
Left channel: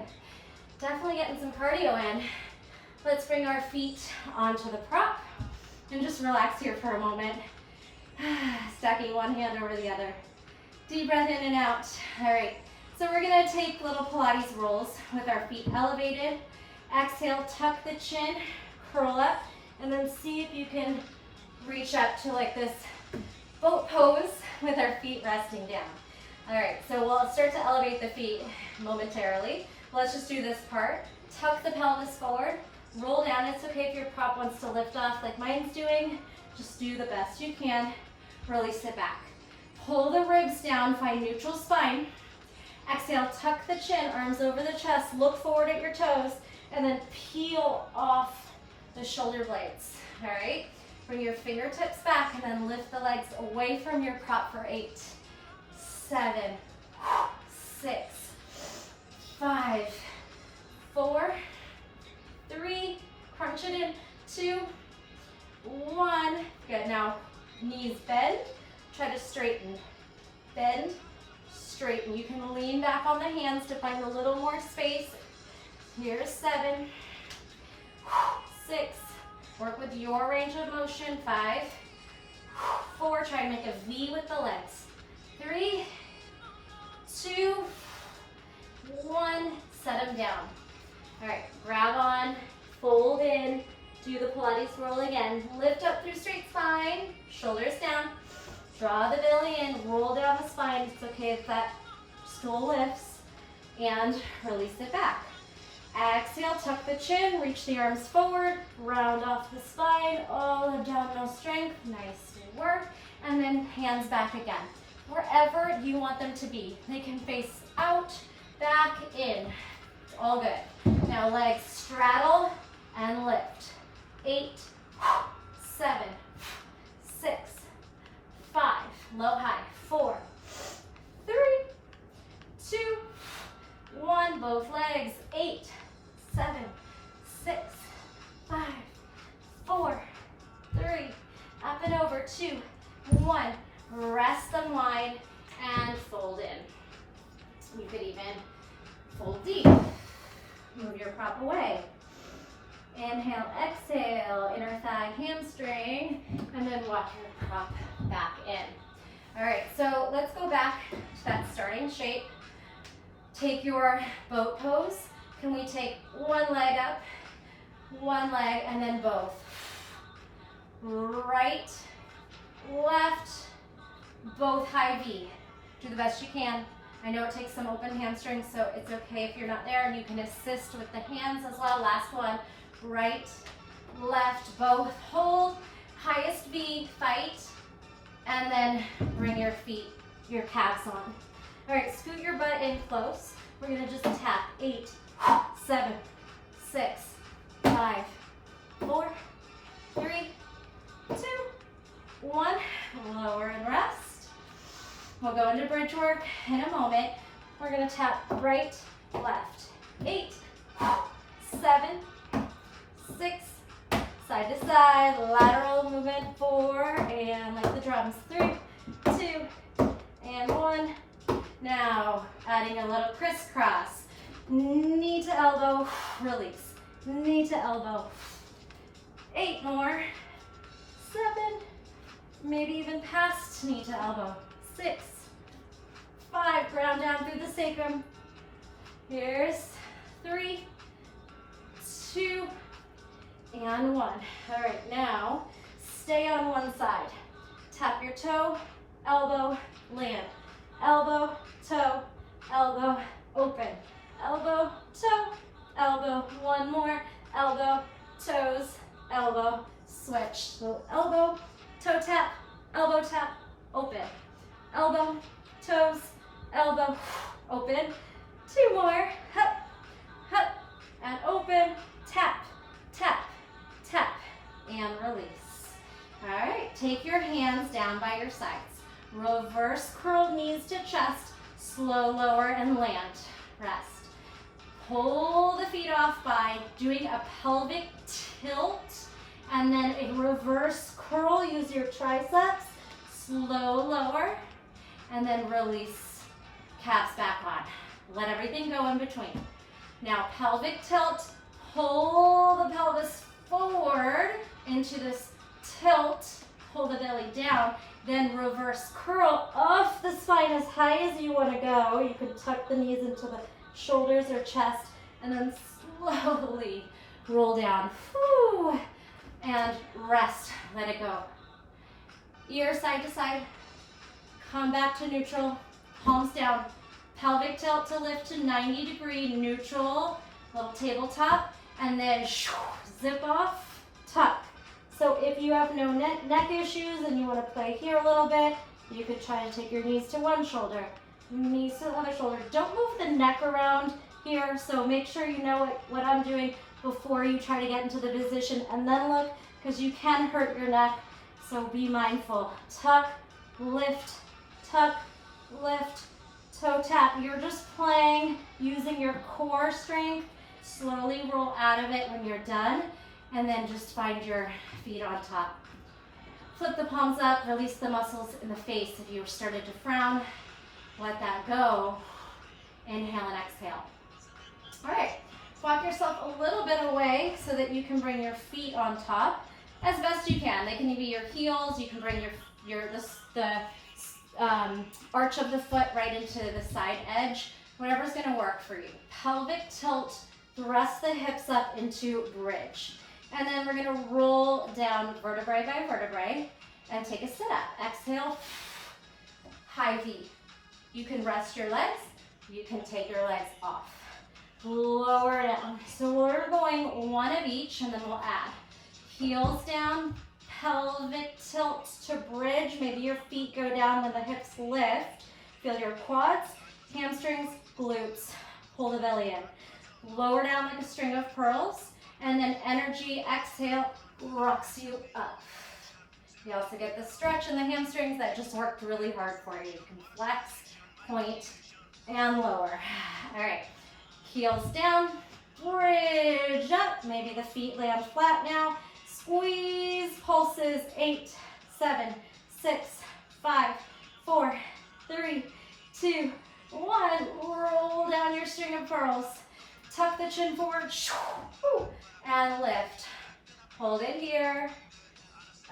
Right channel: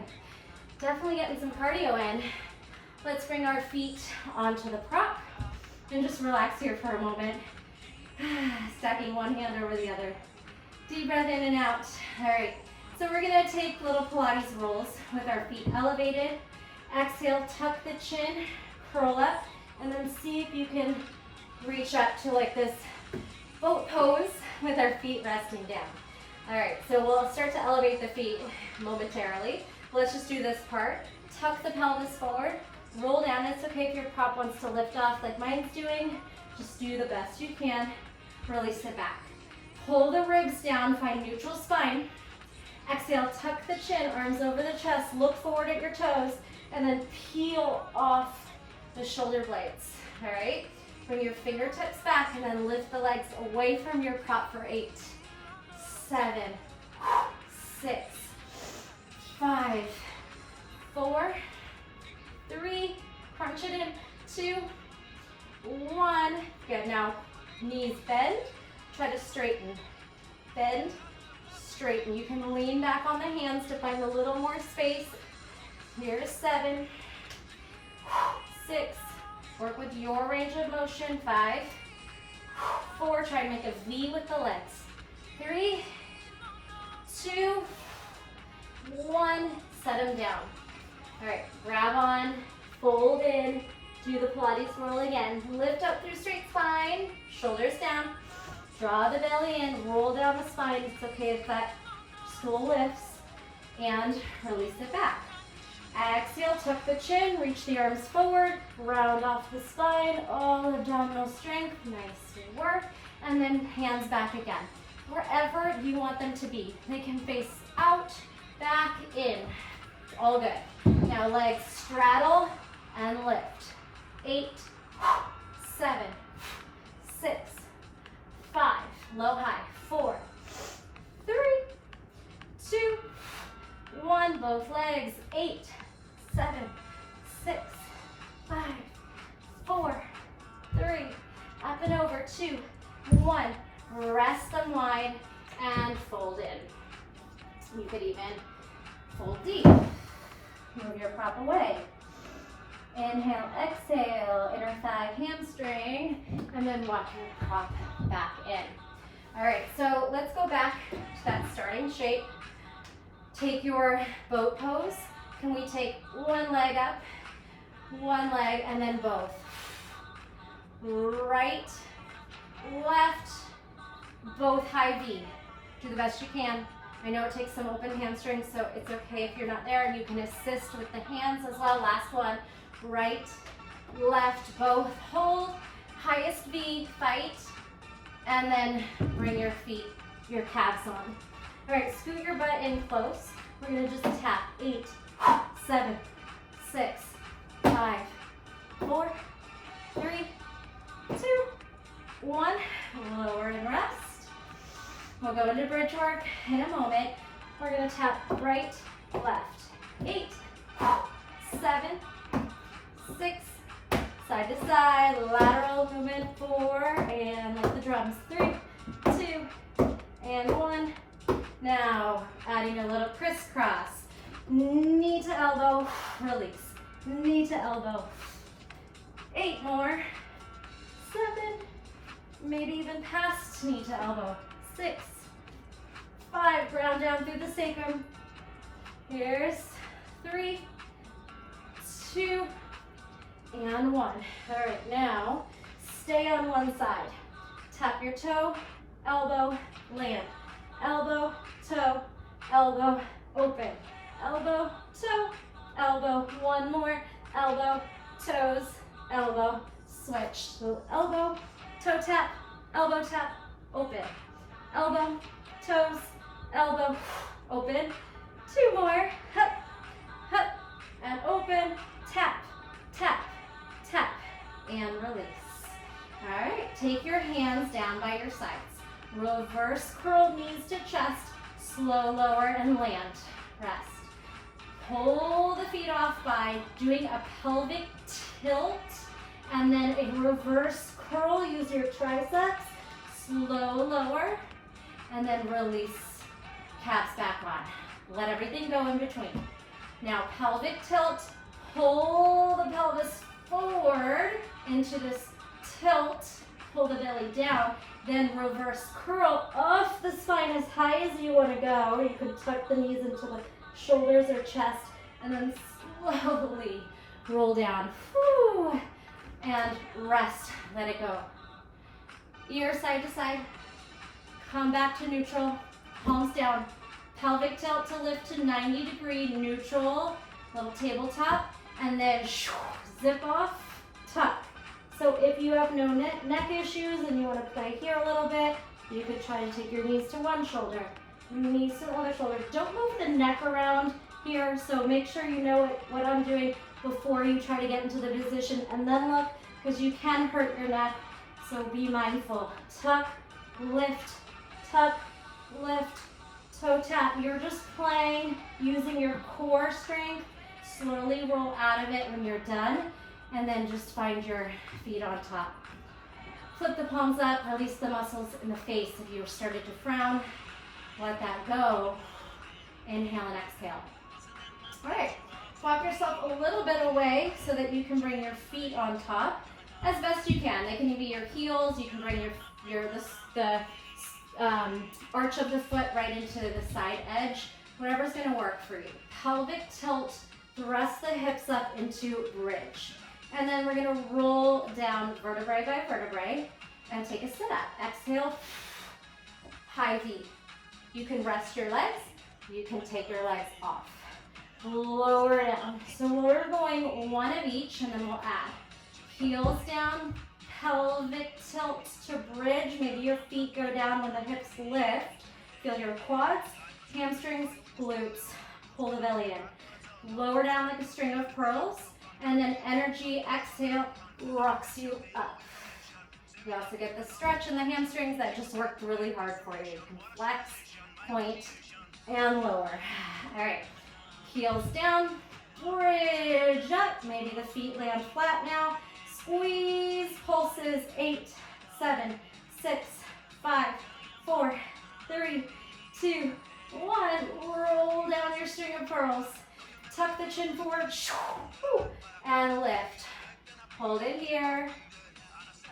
Definitely getting some cardio in. Let's bring our feet onto the prop and just relax here for a moment. Stacking one hand over the other. Deep breath in and out. All right, so we're gonna take little Pilates rolls with our feet elevated. Exhale, tuck the chin, curl up, and then see if you can reach up to like this boat pose with our feet resting down. All right, so we'll start to elevate the feet momentarily. Let's just do this part. Tuck the pelvis forward. Roll down. It's okay if your prop wants to lift off like mine's doing. Just do the best you can. Really sit back. Pull the ribs down, find neutral spine. Exhale, tuck the chin, arms over the chest, look forward at your toes, and then peel off the shoulder blades. All right? Bring your fingertips back and then lift the legs away from your prop for 8, 7, 6, 5, 4, 3, crunch it in, 2, 1. Good, now knees bend, try to straighten. Bend, straighten. You can lean back on the hands to find a little more space. Here's 7, 6, work with your range of motion. 5, 4, try to make a V with the legs. 3, 2, 1, set them down. All right, grab on, fold in, do the Pilates roll again. Lift up through straight spine, shoulders down, draw the belly in, roll down the spine. It's okay if that stool lifts, and release it back. Exhale, tuck the chin, reach the arms forward, round off the spine, all abdominal strength, nice work, and then hands back again. Wherever you want them to be. They can face out, back, in. All good. Now legs straddle and lift. 8, 7, 6, 5, low, high. 4, 3, 2, 1, both legs. 8, 7, 6, 5, 4, 3, up and over. 2, 1. Rest, unwind, and fold in. You could even fold deep. Move your prop away. Inhale, exhale, inner thigh, hamstring, and then walk your prop back in. All right, so let's go back to that starting shape. Take your boat pose. Can we take one leg up, one leg, and then both? Right, left, both high V. Do the best you can. I know it takes some open hamstrings, so it's okay if you're not there, and you can assist with the hands as well. Last one, right, left, both. Hold, highest V, fight, and then bring your feet, your calves on. All right, scoot your butt in close. We're gonna just tap 8, 7, 6, 5, 4, 3, 2, 1. Lower and rest. We'll go into bridge work in a moment. We're gonna tap right, left. 8, 7, 6, side to side, lateral movement. 4, and like the drums. 3, 2, and 1. Now, adding a little crisscross. Knee to elbow, release. Knee to elbow. 8 more. 7, maybe even past knee to elbow. 6, 5, ground down through the sacrum. Here's 3, 2, and 1. All right, now stay on one side. Tap your toe, elbow, land. Elbow, toe, elbow, open. Elbow, toe, elbow. One more. Elbow, toes, elbow, switch. So elbow, toe tap, elbow tap, open. Elbow, toes, elbow, open. 2 more. Hup, hup, and open. Tap, tap, tap, and release. All right, take your hands down by your sides. Reverse curl knees to chest, slow lower and land. Rest. Pull the feet off by doing a pelvic tilt and then a reverse curl. Use your triceps, slow lower, and then release, calves back on. Let everything go in between. Now pelvic tilt, pull the pelvis forward into this tilt, pull the belly down. Then reverse curl off the spine as high as you want to go. You could tuck the knees into the shoulders or chest, and then slowly roll down. Whew. And rest, let it go. Ear side to side, come back to neutral, palms down. Pelvic tilt to lift to 90-degree neutral, little tabletop, and then zip off, tuck. So if you have no neck issues and you want to play here a little bit, you could try to take your knees to one shoulder, knees to the other shoulder. Don't move the neck around here, so make sure you know what I'm doing before you try to get into the position and then look, because you can hurt your neck, so be mindful. Tuck, lift, toe tap. You're just playing, using your core strength. Slowly roll out of it when you're done. And then just find your feet on top. Flip the palms up, release the muscles in the face. If you started to frown, let that go. Inhale and exhale. All right, walk yourself a little bit away so that you can bring your feet on top as best you can. They can be your heels. You can bring the arch of the foot right into the side edge. Whatever's gonna work for you. Pelvic tilt, thrust the hips up into bridge. And then we're gonna roll down vertebrae by vertebrae and take a sit up. Exhale, high V. You can rest your legs, you can take your legs off. Lower down. So we're going one of each and then we'll add. Heels down, pelvic tilt to bridge. Maybe your feet go down when the hips lift. Feel your quads, hamstrings, glutes. Pull the belly in. Lower down like a string of pearls. And then energy, exhale, rocks you up. You also get the stretch in the hamstrings that just worked really hard for you. You can flex, point, and lower. All right, heels down, bridge up. Maybe the feet land flat now. Squeeze, pulses, 8, 7, 6, 5, 4, 3, 2, 1. Roll down your string of pearls. Tuck the chin forward, and lift. Hold it here.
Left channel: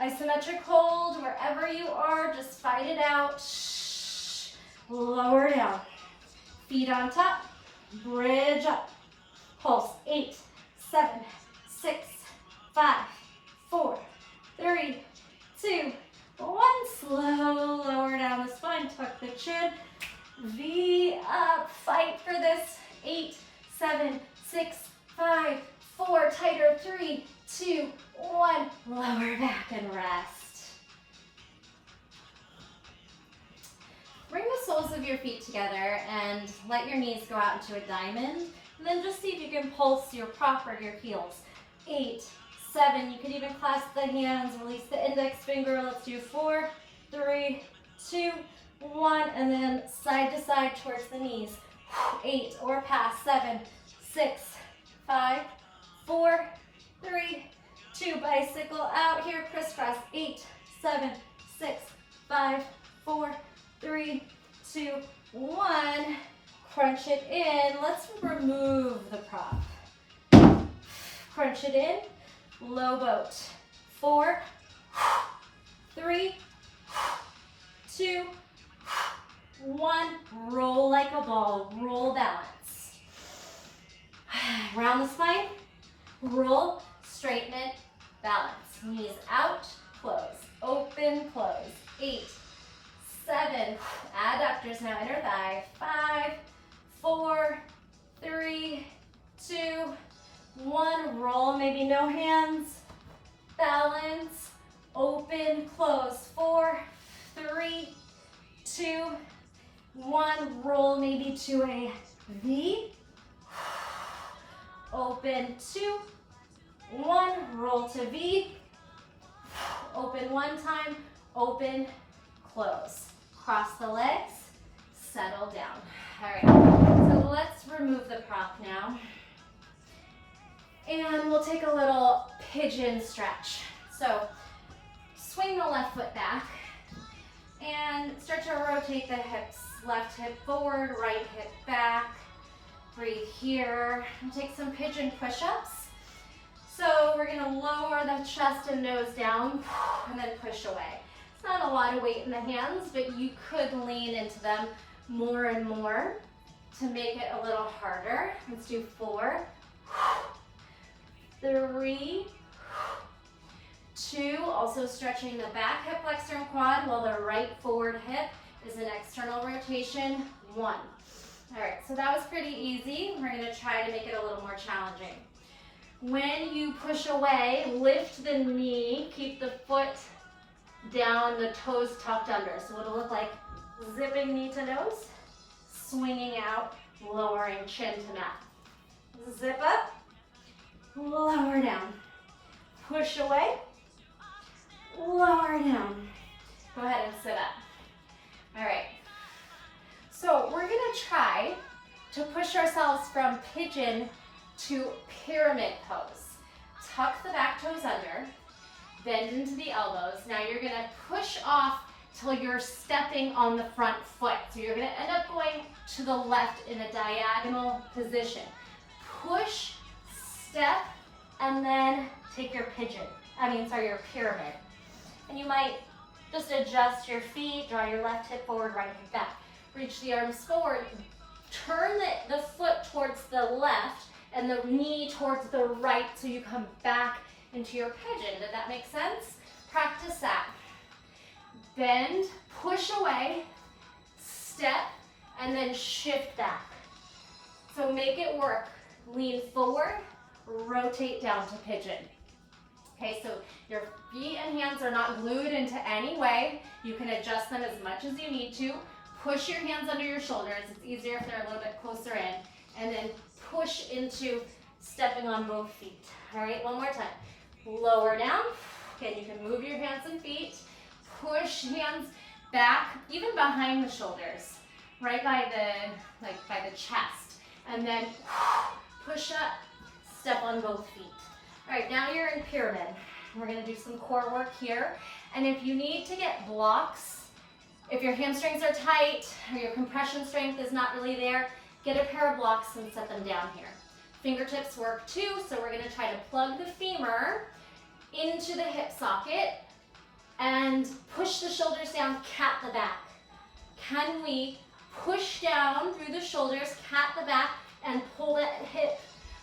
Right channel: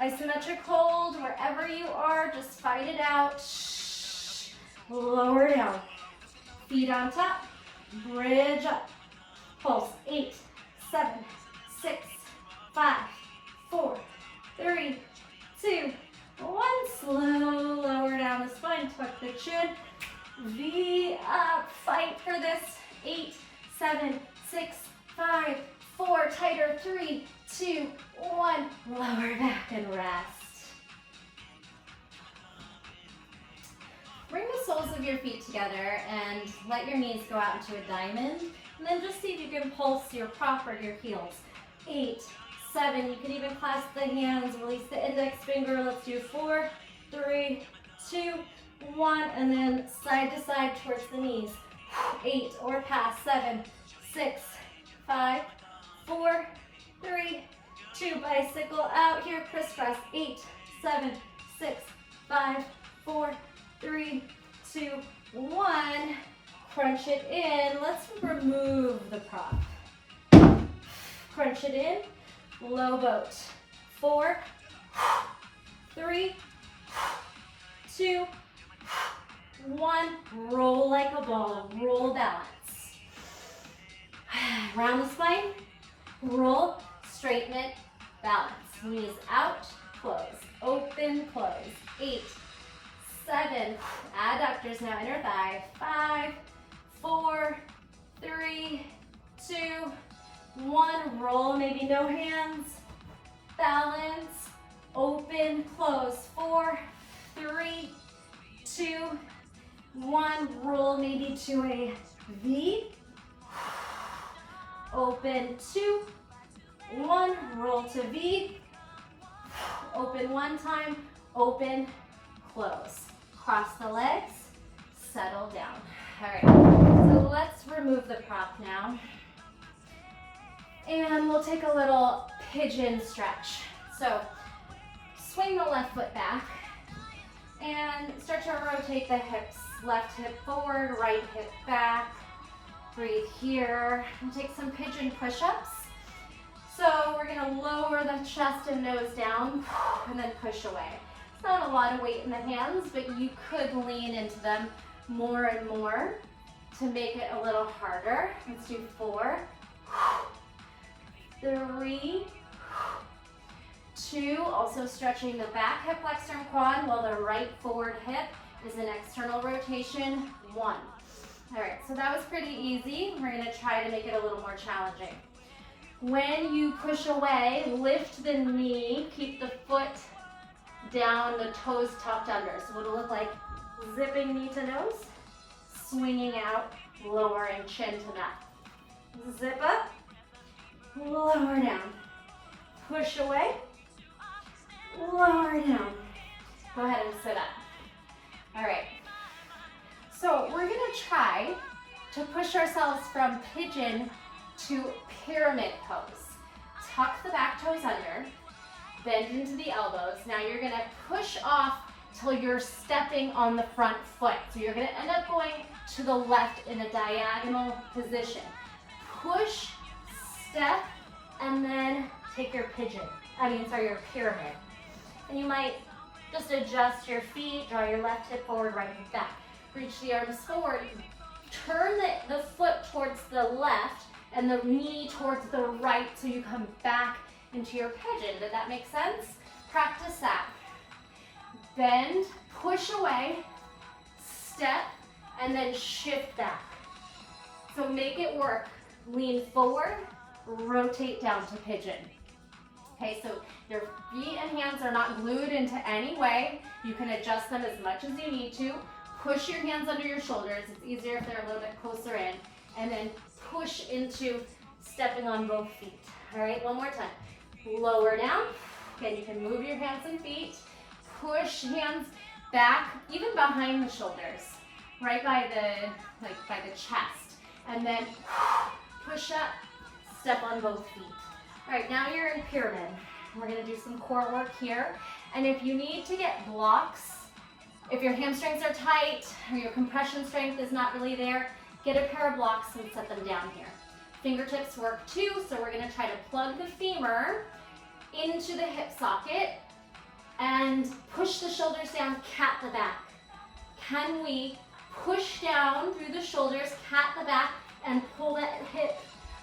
Isometric hold, wherever you are, just fight it out. Lower down. Feet on top, bridge up. Pulse, 8, 7, 6, 5, 4, 3, 2, 1. Slow, lower down the spine, tuck the chin, V up, fight for this. 8, 7, 6, 5, 4, tighter, 3, 2, 1. Lower back and rest. Bring the soles of your feet together and let your knees go out into a diamond. And then just see if you can pulse your prop or your heels. 8, 7, you can even clasp the hands, release the index finger. Let's do 4, 3, 2, 1, and then side to side towards the knees. 8 or past. 7, 6, 5, 4, 3, 2, bicycle out here, crisscross. 8, 7, 6, 5, 4, 3, 2, 1. Crunch it in. Let's remove the prop. Crunch it in. Low boat. 4, 3, 2, 1. Roll like a ball. Roll, balance. Round the spine. Roll, straighten it, balance. Knees out, close. Open, close. 8, 7. Adductors now, inner thigh. 5, 4, 3, 2, 1. Roll, maybe no hands. Balance. Open, close. 4, 3, 2, 1. Roll maybe to a V. Open, 2, 1. Roll to V. Open one time. Open, close. Cross the legs. Settle down. All right, so let's remove the prop now. And we'll take a little pigeon stretch. So swing the left foot back and start to rotate the hips. Left hip forward, right hip back. Breathe here. And take some pigeon push-ups. So we're gonna lower the chest and nose down and then push away. It's not a lot of weight in the hands, but you could lean into them more and more to make it a little harder. Let's do 4, 3, 2, also stretching the back hip flexor and quad while the right forward hip is an external rotation. 1. All right, so that was pretty easy. We're gonna try to make it a little more challenging. When you push away, lift the knee, keep the foot down, the toes tucked under. So it'll look like zipping knee to nose, swinging out, lowering chin to mat. Zip up, lower down, push away, lower down. Go ahead and sit up. All right, so we're gonna try to push ourselves from pigeon to pyramid pose. Tuck the back toes under, bend into the elbows. Now you're gonna push off till you're stepping on the front foot. So you're gonna end up going to the left in a diagonal position. Push, step, and then take your your pyramid. And you might just adjust your feet, draw your left hip forward, right hip back. Reach the arms forward, turn the foot towards the left and the knee towards the right so you come back into your pigeon. Did that make sense? Practice that. Bend, push away, step, and then shift back. So make it work. Lean forward, rotate down to pigeon. Okay, so your feet and hands are not glued into any way. You can adjust them as much as you need to. Push your hands under your shoulders. It's easier if they're a little bit closer in. And then push into stepping on both feet. All right, one more time. Lower down. Again, you can move your hands and feet. Push hands back, even behind the shoulders, right by the chest. And then push up, step on both feet. All right, now you're in pyramid. We're gonna do some core work here. And if you need to get blocks, if your hamstrings are tight or your compression strength is not really there, get a pair of blocks and set them down here. Fingertips work too, so we're gonna try to plug the femur into the hip socket and push the shoulders down, cat the back. Can we push down through the shoulders, cat the back, and pull that hip,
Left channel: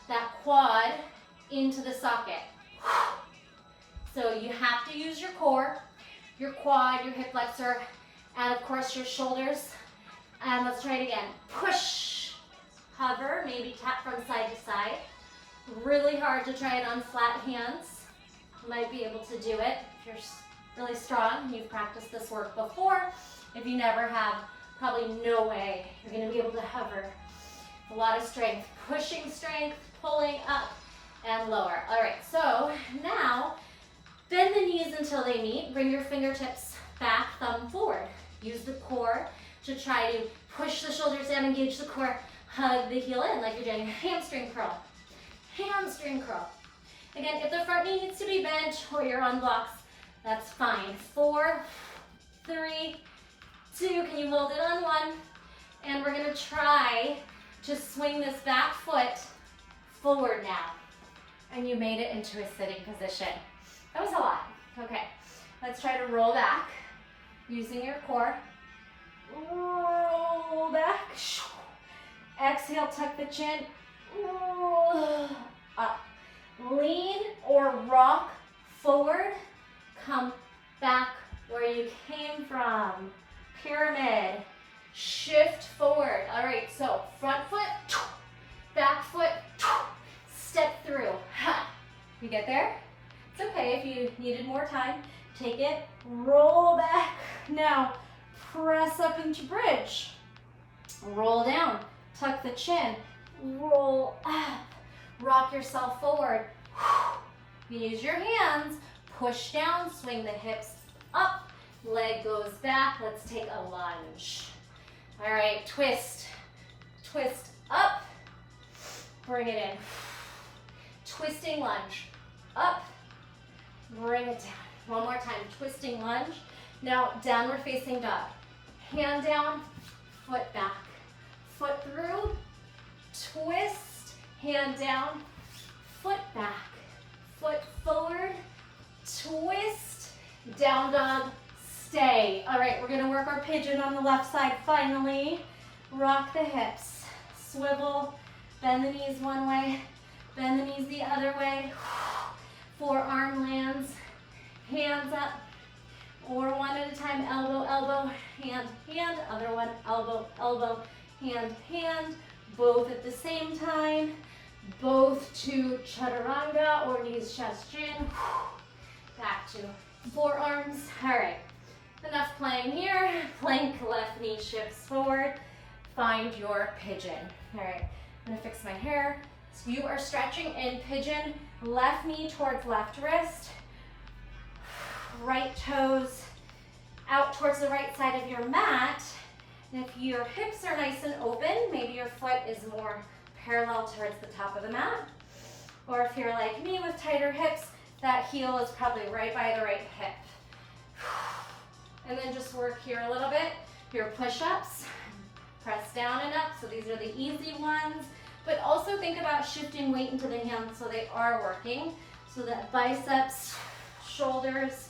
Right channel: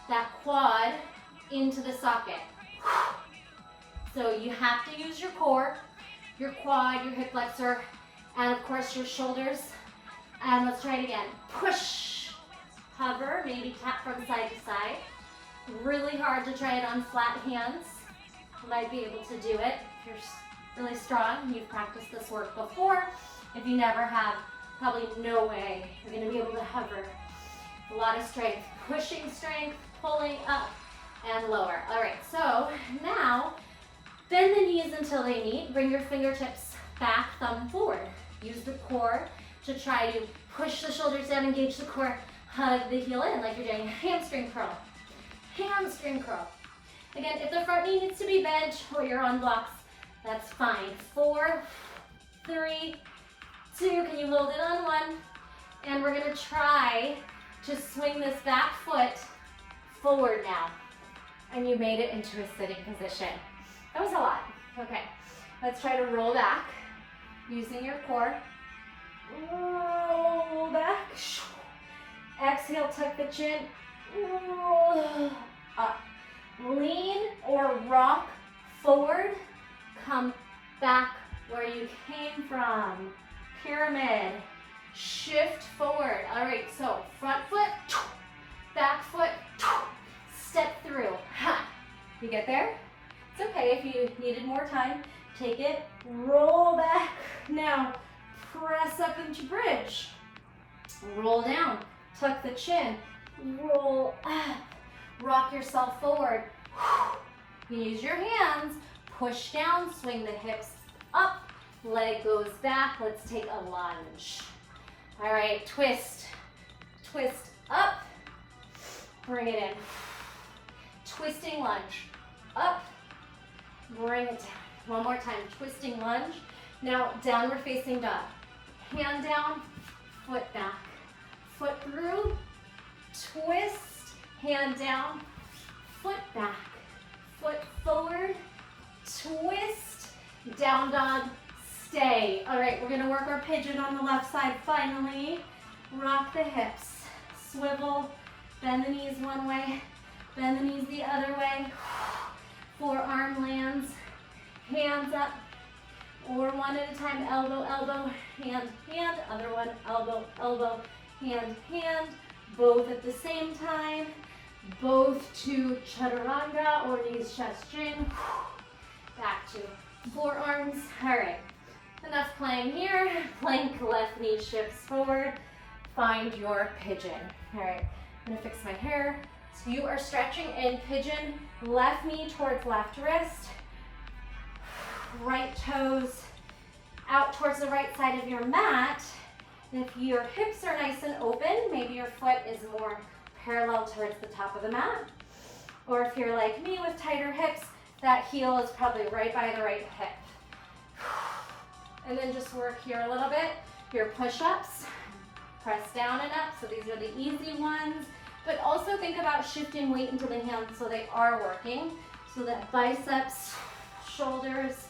that quad into the socket? So you have to use your core, your quad, your hip flexor, and of course your shoulders And let's try it again. Push, hover, maybe tap from side to side. Really hard to try it on flat hands. You might be able to do it if you're really strong. You've practiced this work before. If you never have, probably no way you're gonna be able to hover. A lot of strength, pushing strength, pulling up and lower. All right, so now bend the knees until they meet. Bring your fingertips back, thumb forward. Use the core to try to push the shoulders down, engage the core, hug the heel in like you're doing a hamstring curl. Hamstring curl. Again, if the front knee needs to be bent or you're on blocks, that's fine. 4, 3, 2, can you hold it on 1? And we're gonna try to swing this back foot forward now. And you made it into a sitting position. That was a lot. Okay, let's try to roll back using your core. Roll back. Exhale, tuck the chin. Roll up. Lean or rock forward. Come back where you came from. Pyramid. Shift forward. All right, so front foot, back foot, step through. You get there? It's okay if you needed more time. Take it, roll back. Now, press up into bridge. Roll down, tuck the chin, roll up. Rock yourself forward. You can use your hands, push down, swing the hips up, leg goes back. Let's take a lunge. All right, twist, twist up, bring it in. Twisting lunge, up, bring it down. One more time, twisting lunge. Now, downward facing dog. Hand down, foot back. Foot through, twist, hand down, foot back. Foot forward, twist, down dog, stay. All right, we're gonna work our pigeon on the left side finally. Rock the hips, swivel, bend the knees one way, bend the knees the other way. Forearm lands, hands up, or one at a time, elbow, elbow, hand, hand, other one, elbow, elbow, hand, hand, both at the same time, both to chaturanga or knees, chest, chin, back to forearms. All right, enough playing here. Plank, left knee shifts forward, find your pigeon. All right, I'm gonna fix my hair. So you are stretching in pigeon, left knee towards left wrist, right toes out towards the right side of your mat. And if your hips are nice and open, maybe your foot is more parallel towards the top of the mat. Or if you're like me with tighter hips, that heel is probably right by the right hip. And then just work here a little bit. Your push-ups, press down and up. So these are the easy ones. But also think about shifting weight into the hands so they are working. So that biceps, shoulders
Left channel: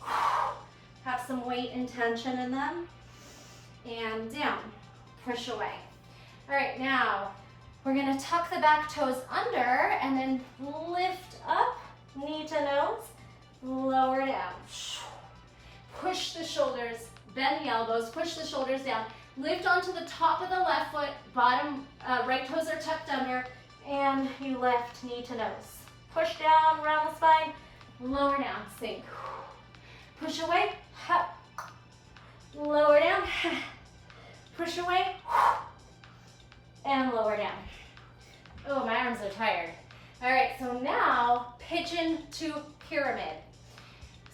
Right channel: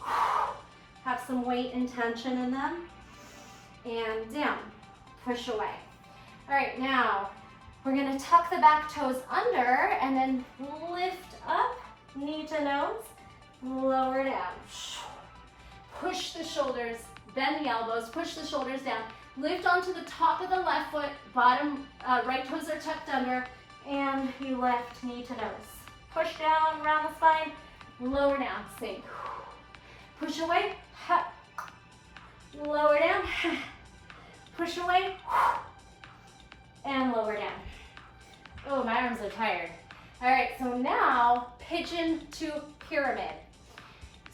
have some weight and tension in them. And down, push away. All right, now we're gonna tuck the back toes under and then lift up, knee to nose, lower down. Push the shoulders, bend the elbows, push the shoulders down. Lift onto the top of the left foot, bottom, right toes are tucked under, and you lift knee to nose. Push down, round the spine, lower down, sink. Push away, lower down, push away, and lower down. Oh, my arms are tired. All right, so now pigeon to pyramid.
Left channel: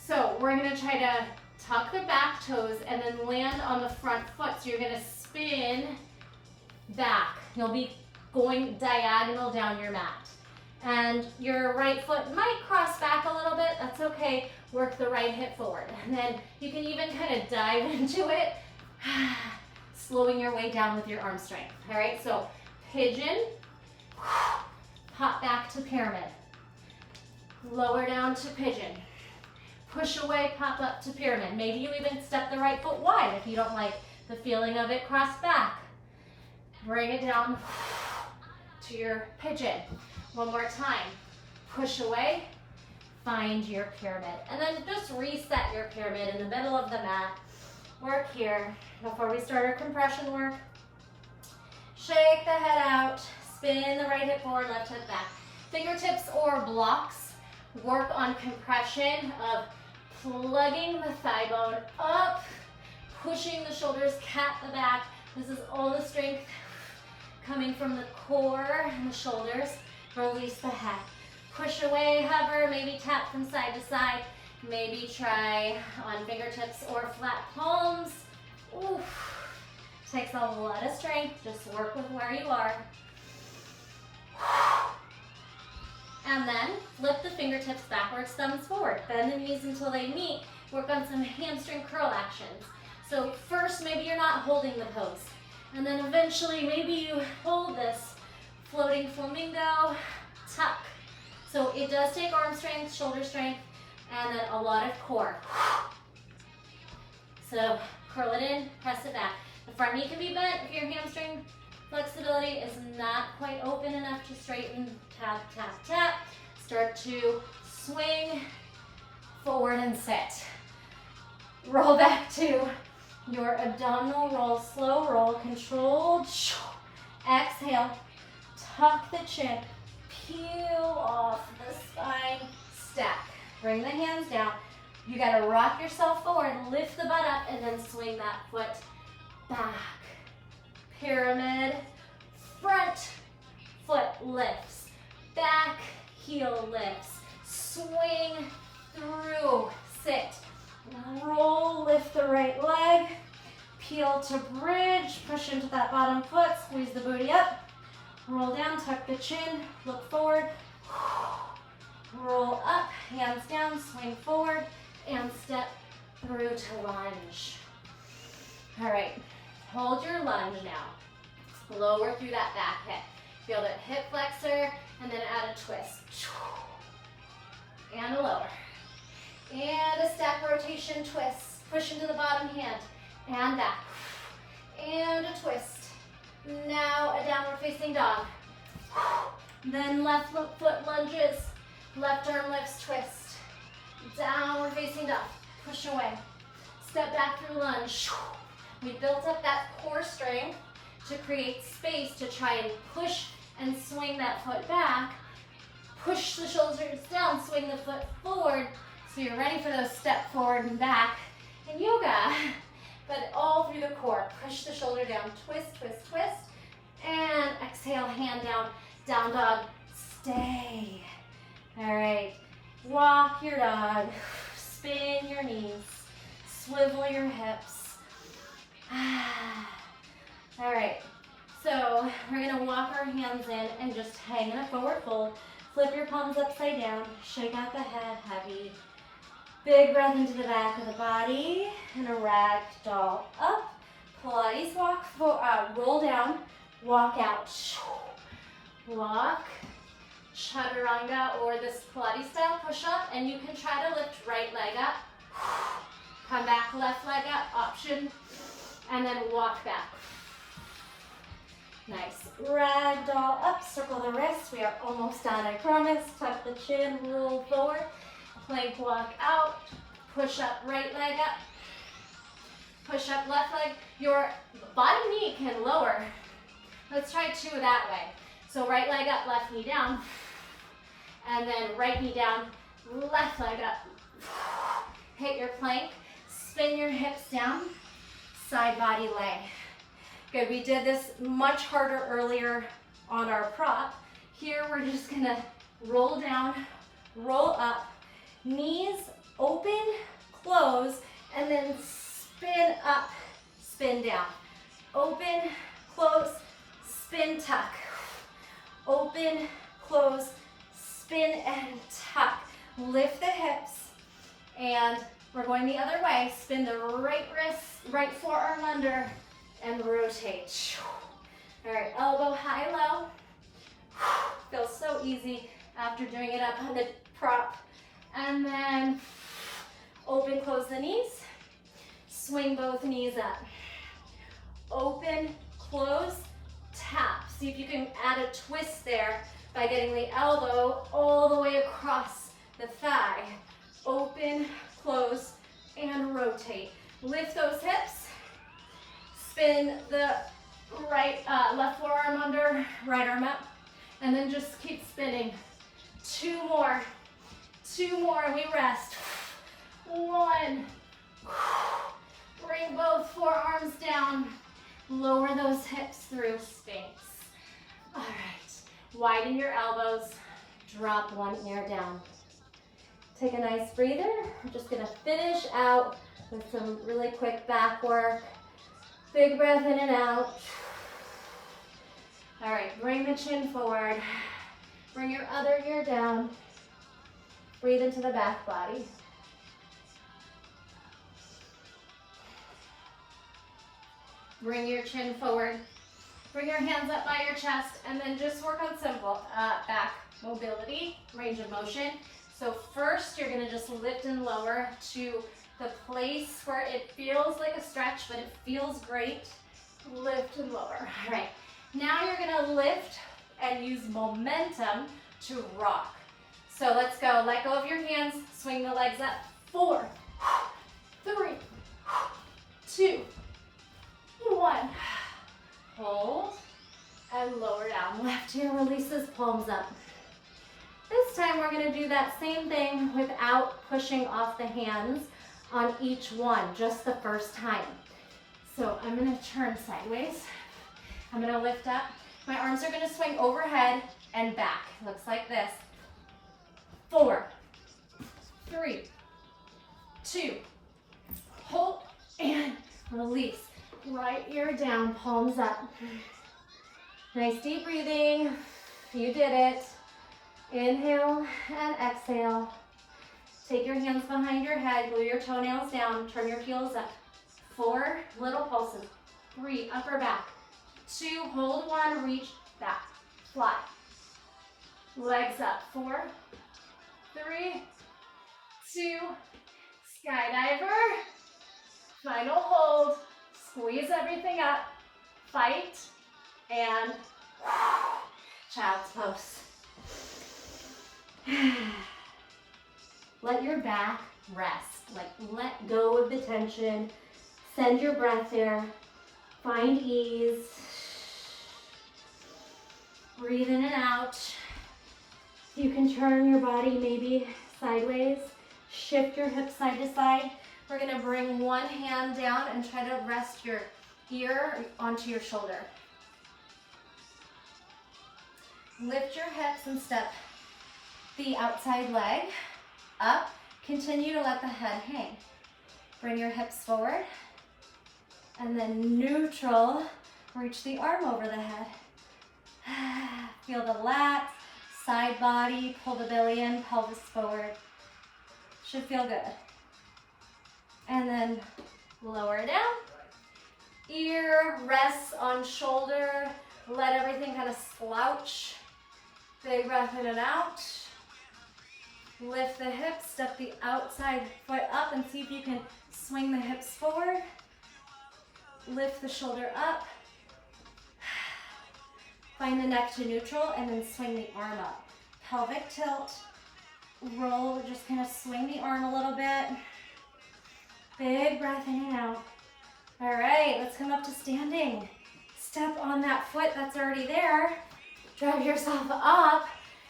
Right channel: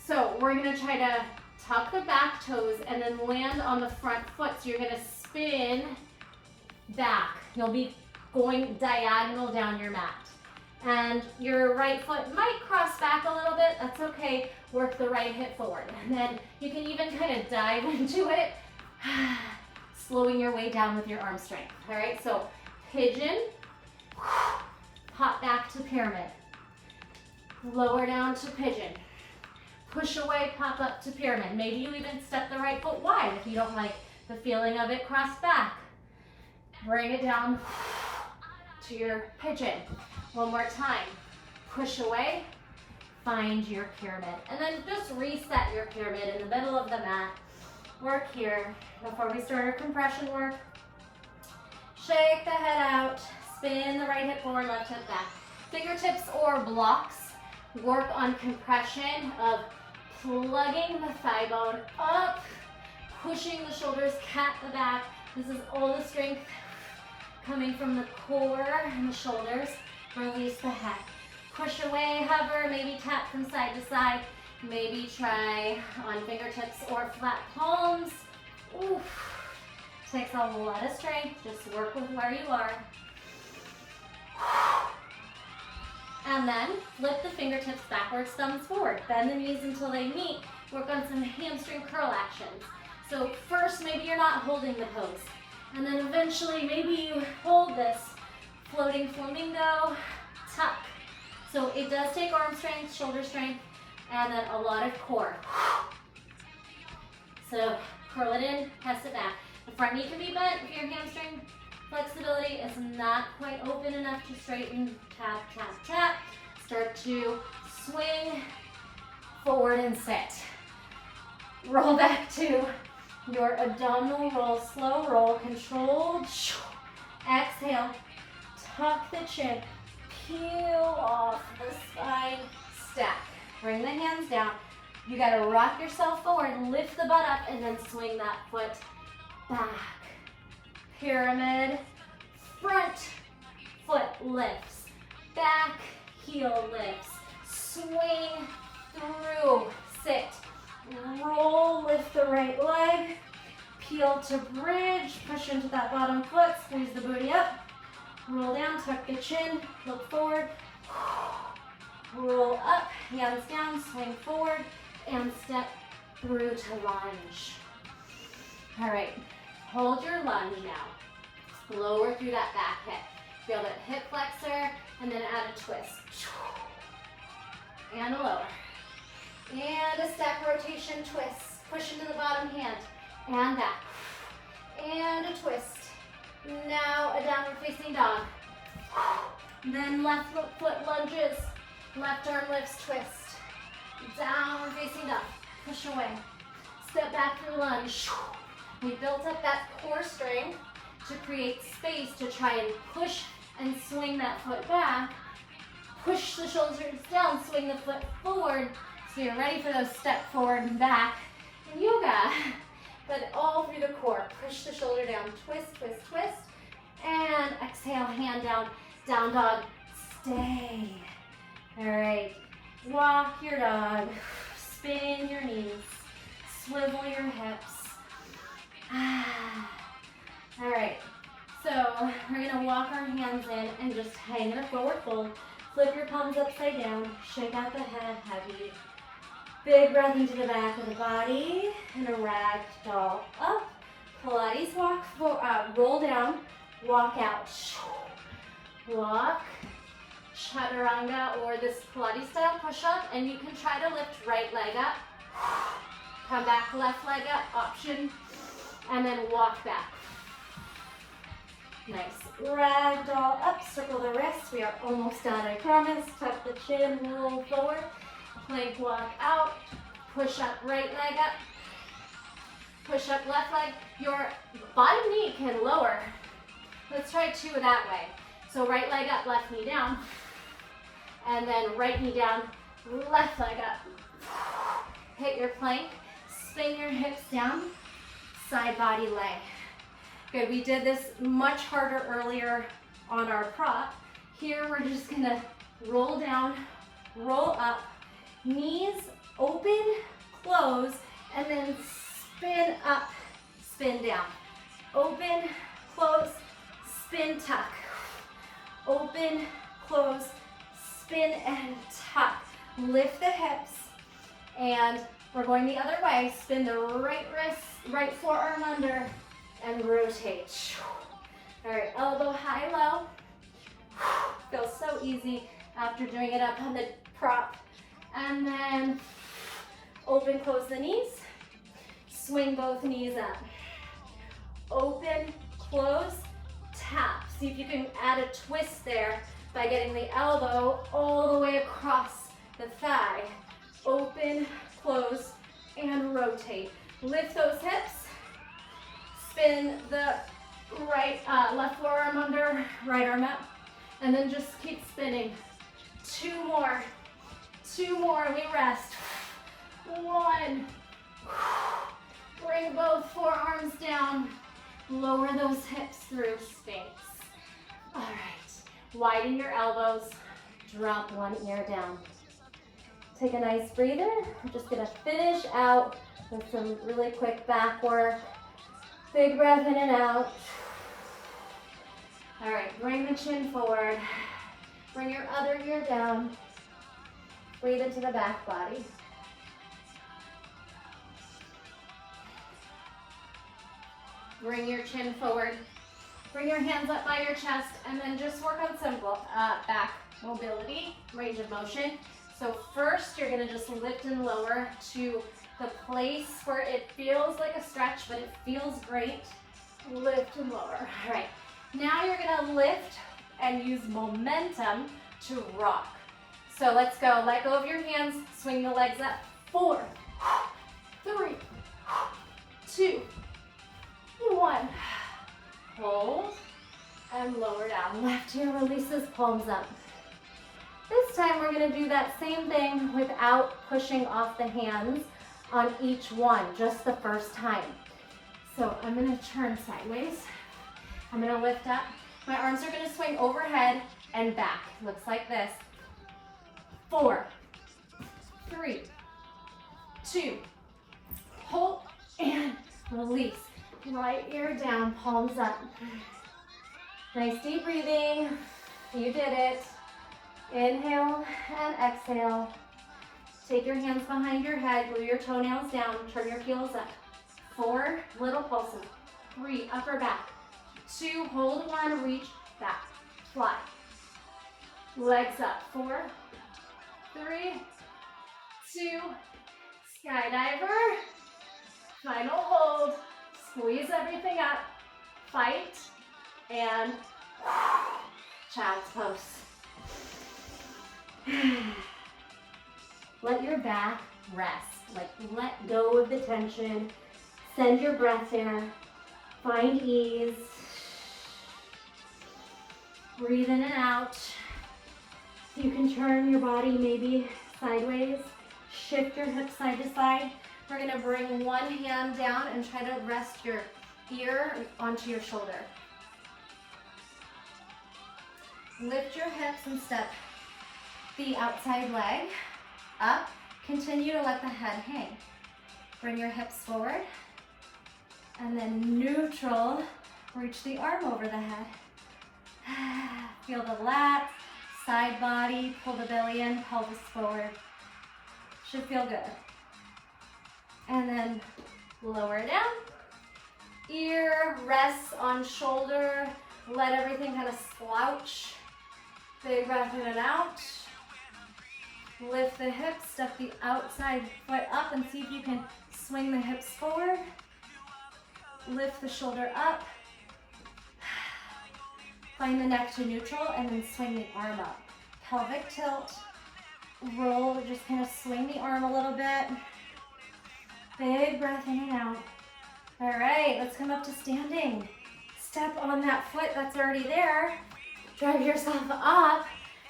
So we're gonna try to tuck the back toes and then land on the front foot. So you're gonna spin back. You'll be going diagonal down your mat. And your right foot might cross back a little bit. That's okay. Work the right hip forward. And then you can even kind of dive into it, slowing your way down with your arm strength. All right, so pigeon, pop back to pyramid. Lower down to pigeon. Push away, pop up to pyramid. Maybe you even step the right foot wide if you don't like the feeling of it crossed back. Bring it down to your pigeon. One more time. Push away, find your pyramid. And then just reset your pyramid in the middle of the mat. work here. Before we start our compression work, shake the head out, spin the right hip forward, left hip back. Fingertips or blocks work on compression of plugging the thigh bone up, pushing the shoulders, cat the back. This is all the strength coming from the core and the shoulders. Release the head. Push away, hover, maybe tap from side to side. Maybe try on fingertips or flat palms. Oof. Takes a lot of strength. Just work with where you are. And then flip the fingertips backwards, thumbs forward. Bend the knees until they meet. Work on some hamstring curl actions. So first, maybe you're not holding the pose. And then eventually, maybe you hold this floating flamingo, tuck. So it does take arm strength, shoulder strength, and then a lot of core. So curl it in, press it back. The front knee can be bent if your hamstring flexibility is not quite open enough to straighten. Tap, tap, tap. Start to swing forward and sit. Roll back to your abdominal roll, slow roll, controlled. Exhale, tuck the chin, peel off the spine, stack. Bring the hands down. You gotta rock yourself forward, lift the butt up, and then swing that foot back. Pyramid, front foot lifts, back heel lifts, swing through, sit, roll, lift the right leg, peel to bridge, push into that bottom foot, squeeze the booty up, roll down, tuck the chin, look forward, roll up, hands down, swing forward, and step through to lunge. All right, hold your lunge now. Lower through that back hip. Feel that hip flexor, and then add a twist. And a lower. And a step rotation twist. Push into the bottom hand, and back. And a twist. Now a downward facing dog. Then left foot lunges. Left arm lifts, twist. Downward facing dog. Push away. Step back through lunge. We built up that core strength to create space to try and push and swing that foot back. Push the shoulders down, swing the foot forward. So you're ready for those step forward and back in yoga. But all through the core. Push the shoulder down, twist, twist, twist. And exhale, hand down, down dog. Stay. All right, walk your dog. Spin your knees. Swivel your hips. All right, so we're gonna walk our hands in and just hang in a forward fold. Flip your palms upside down, shake out the head, heavy. Big breath into the back of the body, and a ragdoll up. Pilates walk, roll down, walk out. Walk, chaturanga, or this Pilates style push-up, and you can try to lift right leg up. Come back, left leg up, option, and then walk back. Nice. Ragdoll up, circle the wrists. We are almost done, I promise. Tuck the chin, roll forward. Plank walk out. Push up, right leg up. Push up, left leg. Your bottom knee can lower. Let's try two that way. So right leg up, left knee down. And then right knee down, left leg up. Hit your plank. Spin your hips down. Side body lay. Good, we did this much harder earlier on our prop. Here we're just gonna roll down, roll up, knees open, close, and then spin up, spin down. Open, close, spin, tuck. Open, close, spin and tuck. Lift the hips, and we're going the other way. Spin the right wrist, right forearm under, and rotate. All right, elbow high, low. Feels so easy after doing it up on the prop. And then open, close the knees. Swing both knees up. Open, close, tap. See if you can add a twist there by getting the elbow all the way across the thigh. Open, close, and rotate. Lift those hips. Spin the left forearm under, right arm up. And then just keep spinning. Two more, we rest. One, bring both forearms down. Lower those hips through Sphinx. All right, widen your elbows. Drop one ear down. Take a nice breather. We're just gonna finish out with some really quick back work. Big breath in and out. All right, bring the chin forward. Bring your other ear down. Breathe into the back body. Bring your chin forward. Bring your hands up by your chest, and then just work on simple back mobility, range of motion. So first, you're gonna just lift and lower to the place where it feels like a stretch, but it feels great. Lift and lower. All right, now you're gonna lift and use momentum to rock. So let's go, let go of your hands, swing the legs up. 4, 3, 2, 1. Hold and lower down. Left ear releases, palms up. This time we're gonna do that same thing without pushing off the hands on each one, just the first time. So I'm gonna turn sideways. I'm gonna lift up. My arms are gonna swing overhead and back. Looks like this. 4, 3, 2, hold and release. Right ear down, palms up. Nice deep breathing. You did it. Inhale and exhale. Take your hands behind your head, glue your toenails down, turn your heels up. 4, little pulses. 3, upper back. 2, hold 1, reach back, fly. Legs up. 4, 3, 2, skydiver. Final hold. Squeeze everything up, fight, and child's pose. Let your back rest, like let go of the tension, send your breath there, find ease, breathe in and out. You can turn your body maybe sideways, shift your hips side to side. We're gonna bring one hand down and try to rest your ear onto your shoulder. Lift your hips and step the outside leg up. Continue to let the head hang. Bring your hips forward. And then neutral, reach the arm over the head. Feel the lats, side body, pull the belly in, pelvis forward. Should feel good. And then lower down. Ear rests on shoulder. Let everything kind of slouch. Big breath in and out. Lift the hips, step the outside foot up and see if you can swing the hips forward. Lift the shoulder up. Find the neck to neutral and then swing the arm up. Pelvic tilt. Roll, just kind of swing the arm a little bit. Big breath in and out. All right, let's come up to standing. Step on that foot that's already there. Drive yourself up.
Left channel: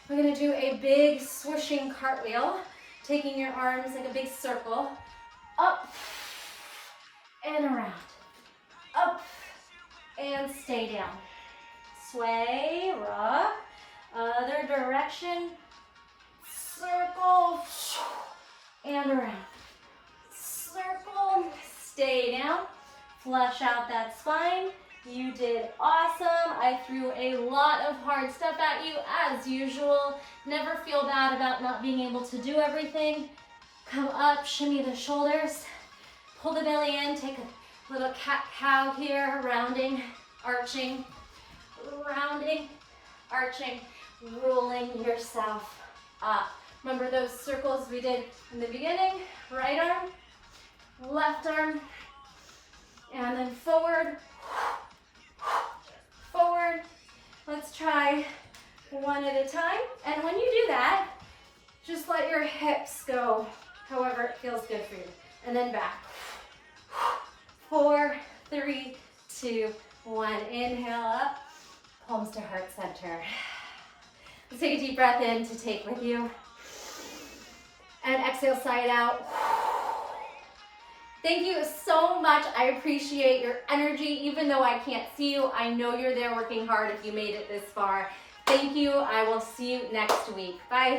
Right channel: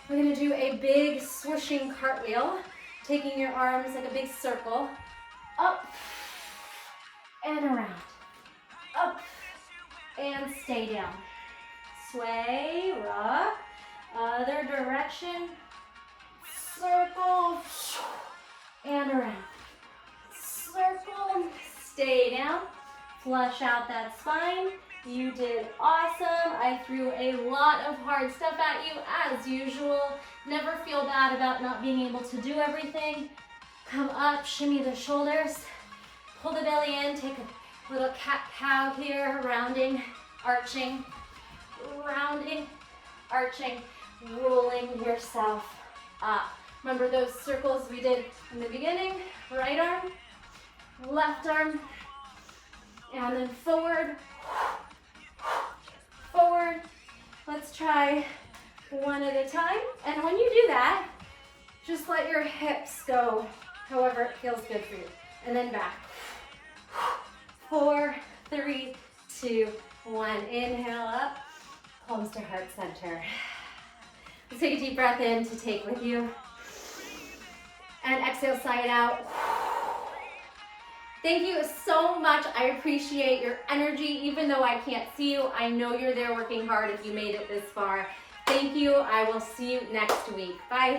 We're gonna do a big swooshing cartwheel, taking your arms like a big circle. Up and around. Up and stay down. Sway, rock, other direction. Circle and around. Circle, stay down, flush out that spine. You did awesome. I threw a lot of hard stuff at you as usual. Never feel bad about not being able to do everything. Come up, shimmy the shoulders, pull the belly in, take a little cat-cow here, rounding, arching, rolling yourself up. Remember those circles we did in the beginning? Right arm, left arm, and then forward, forward. Let's try one at a time. And when you do that, just let your hips go however it feels good for you. And then back. 4, 3, 2, 1. Inhale up, palms to heart center. Let's take a deep breath in to take with you. And exhale, side out. Thank you so much. I appreciate your energy. Even though I can't see you, I know you're there working hard if you made it this far. Thank you. I will see you next week. Bye.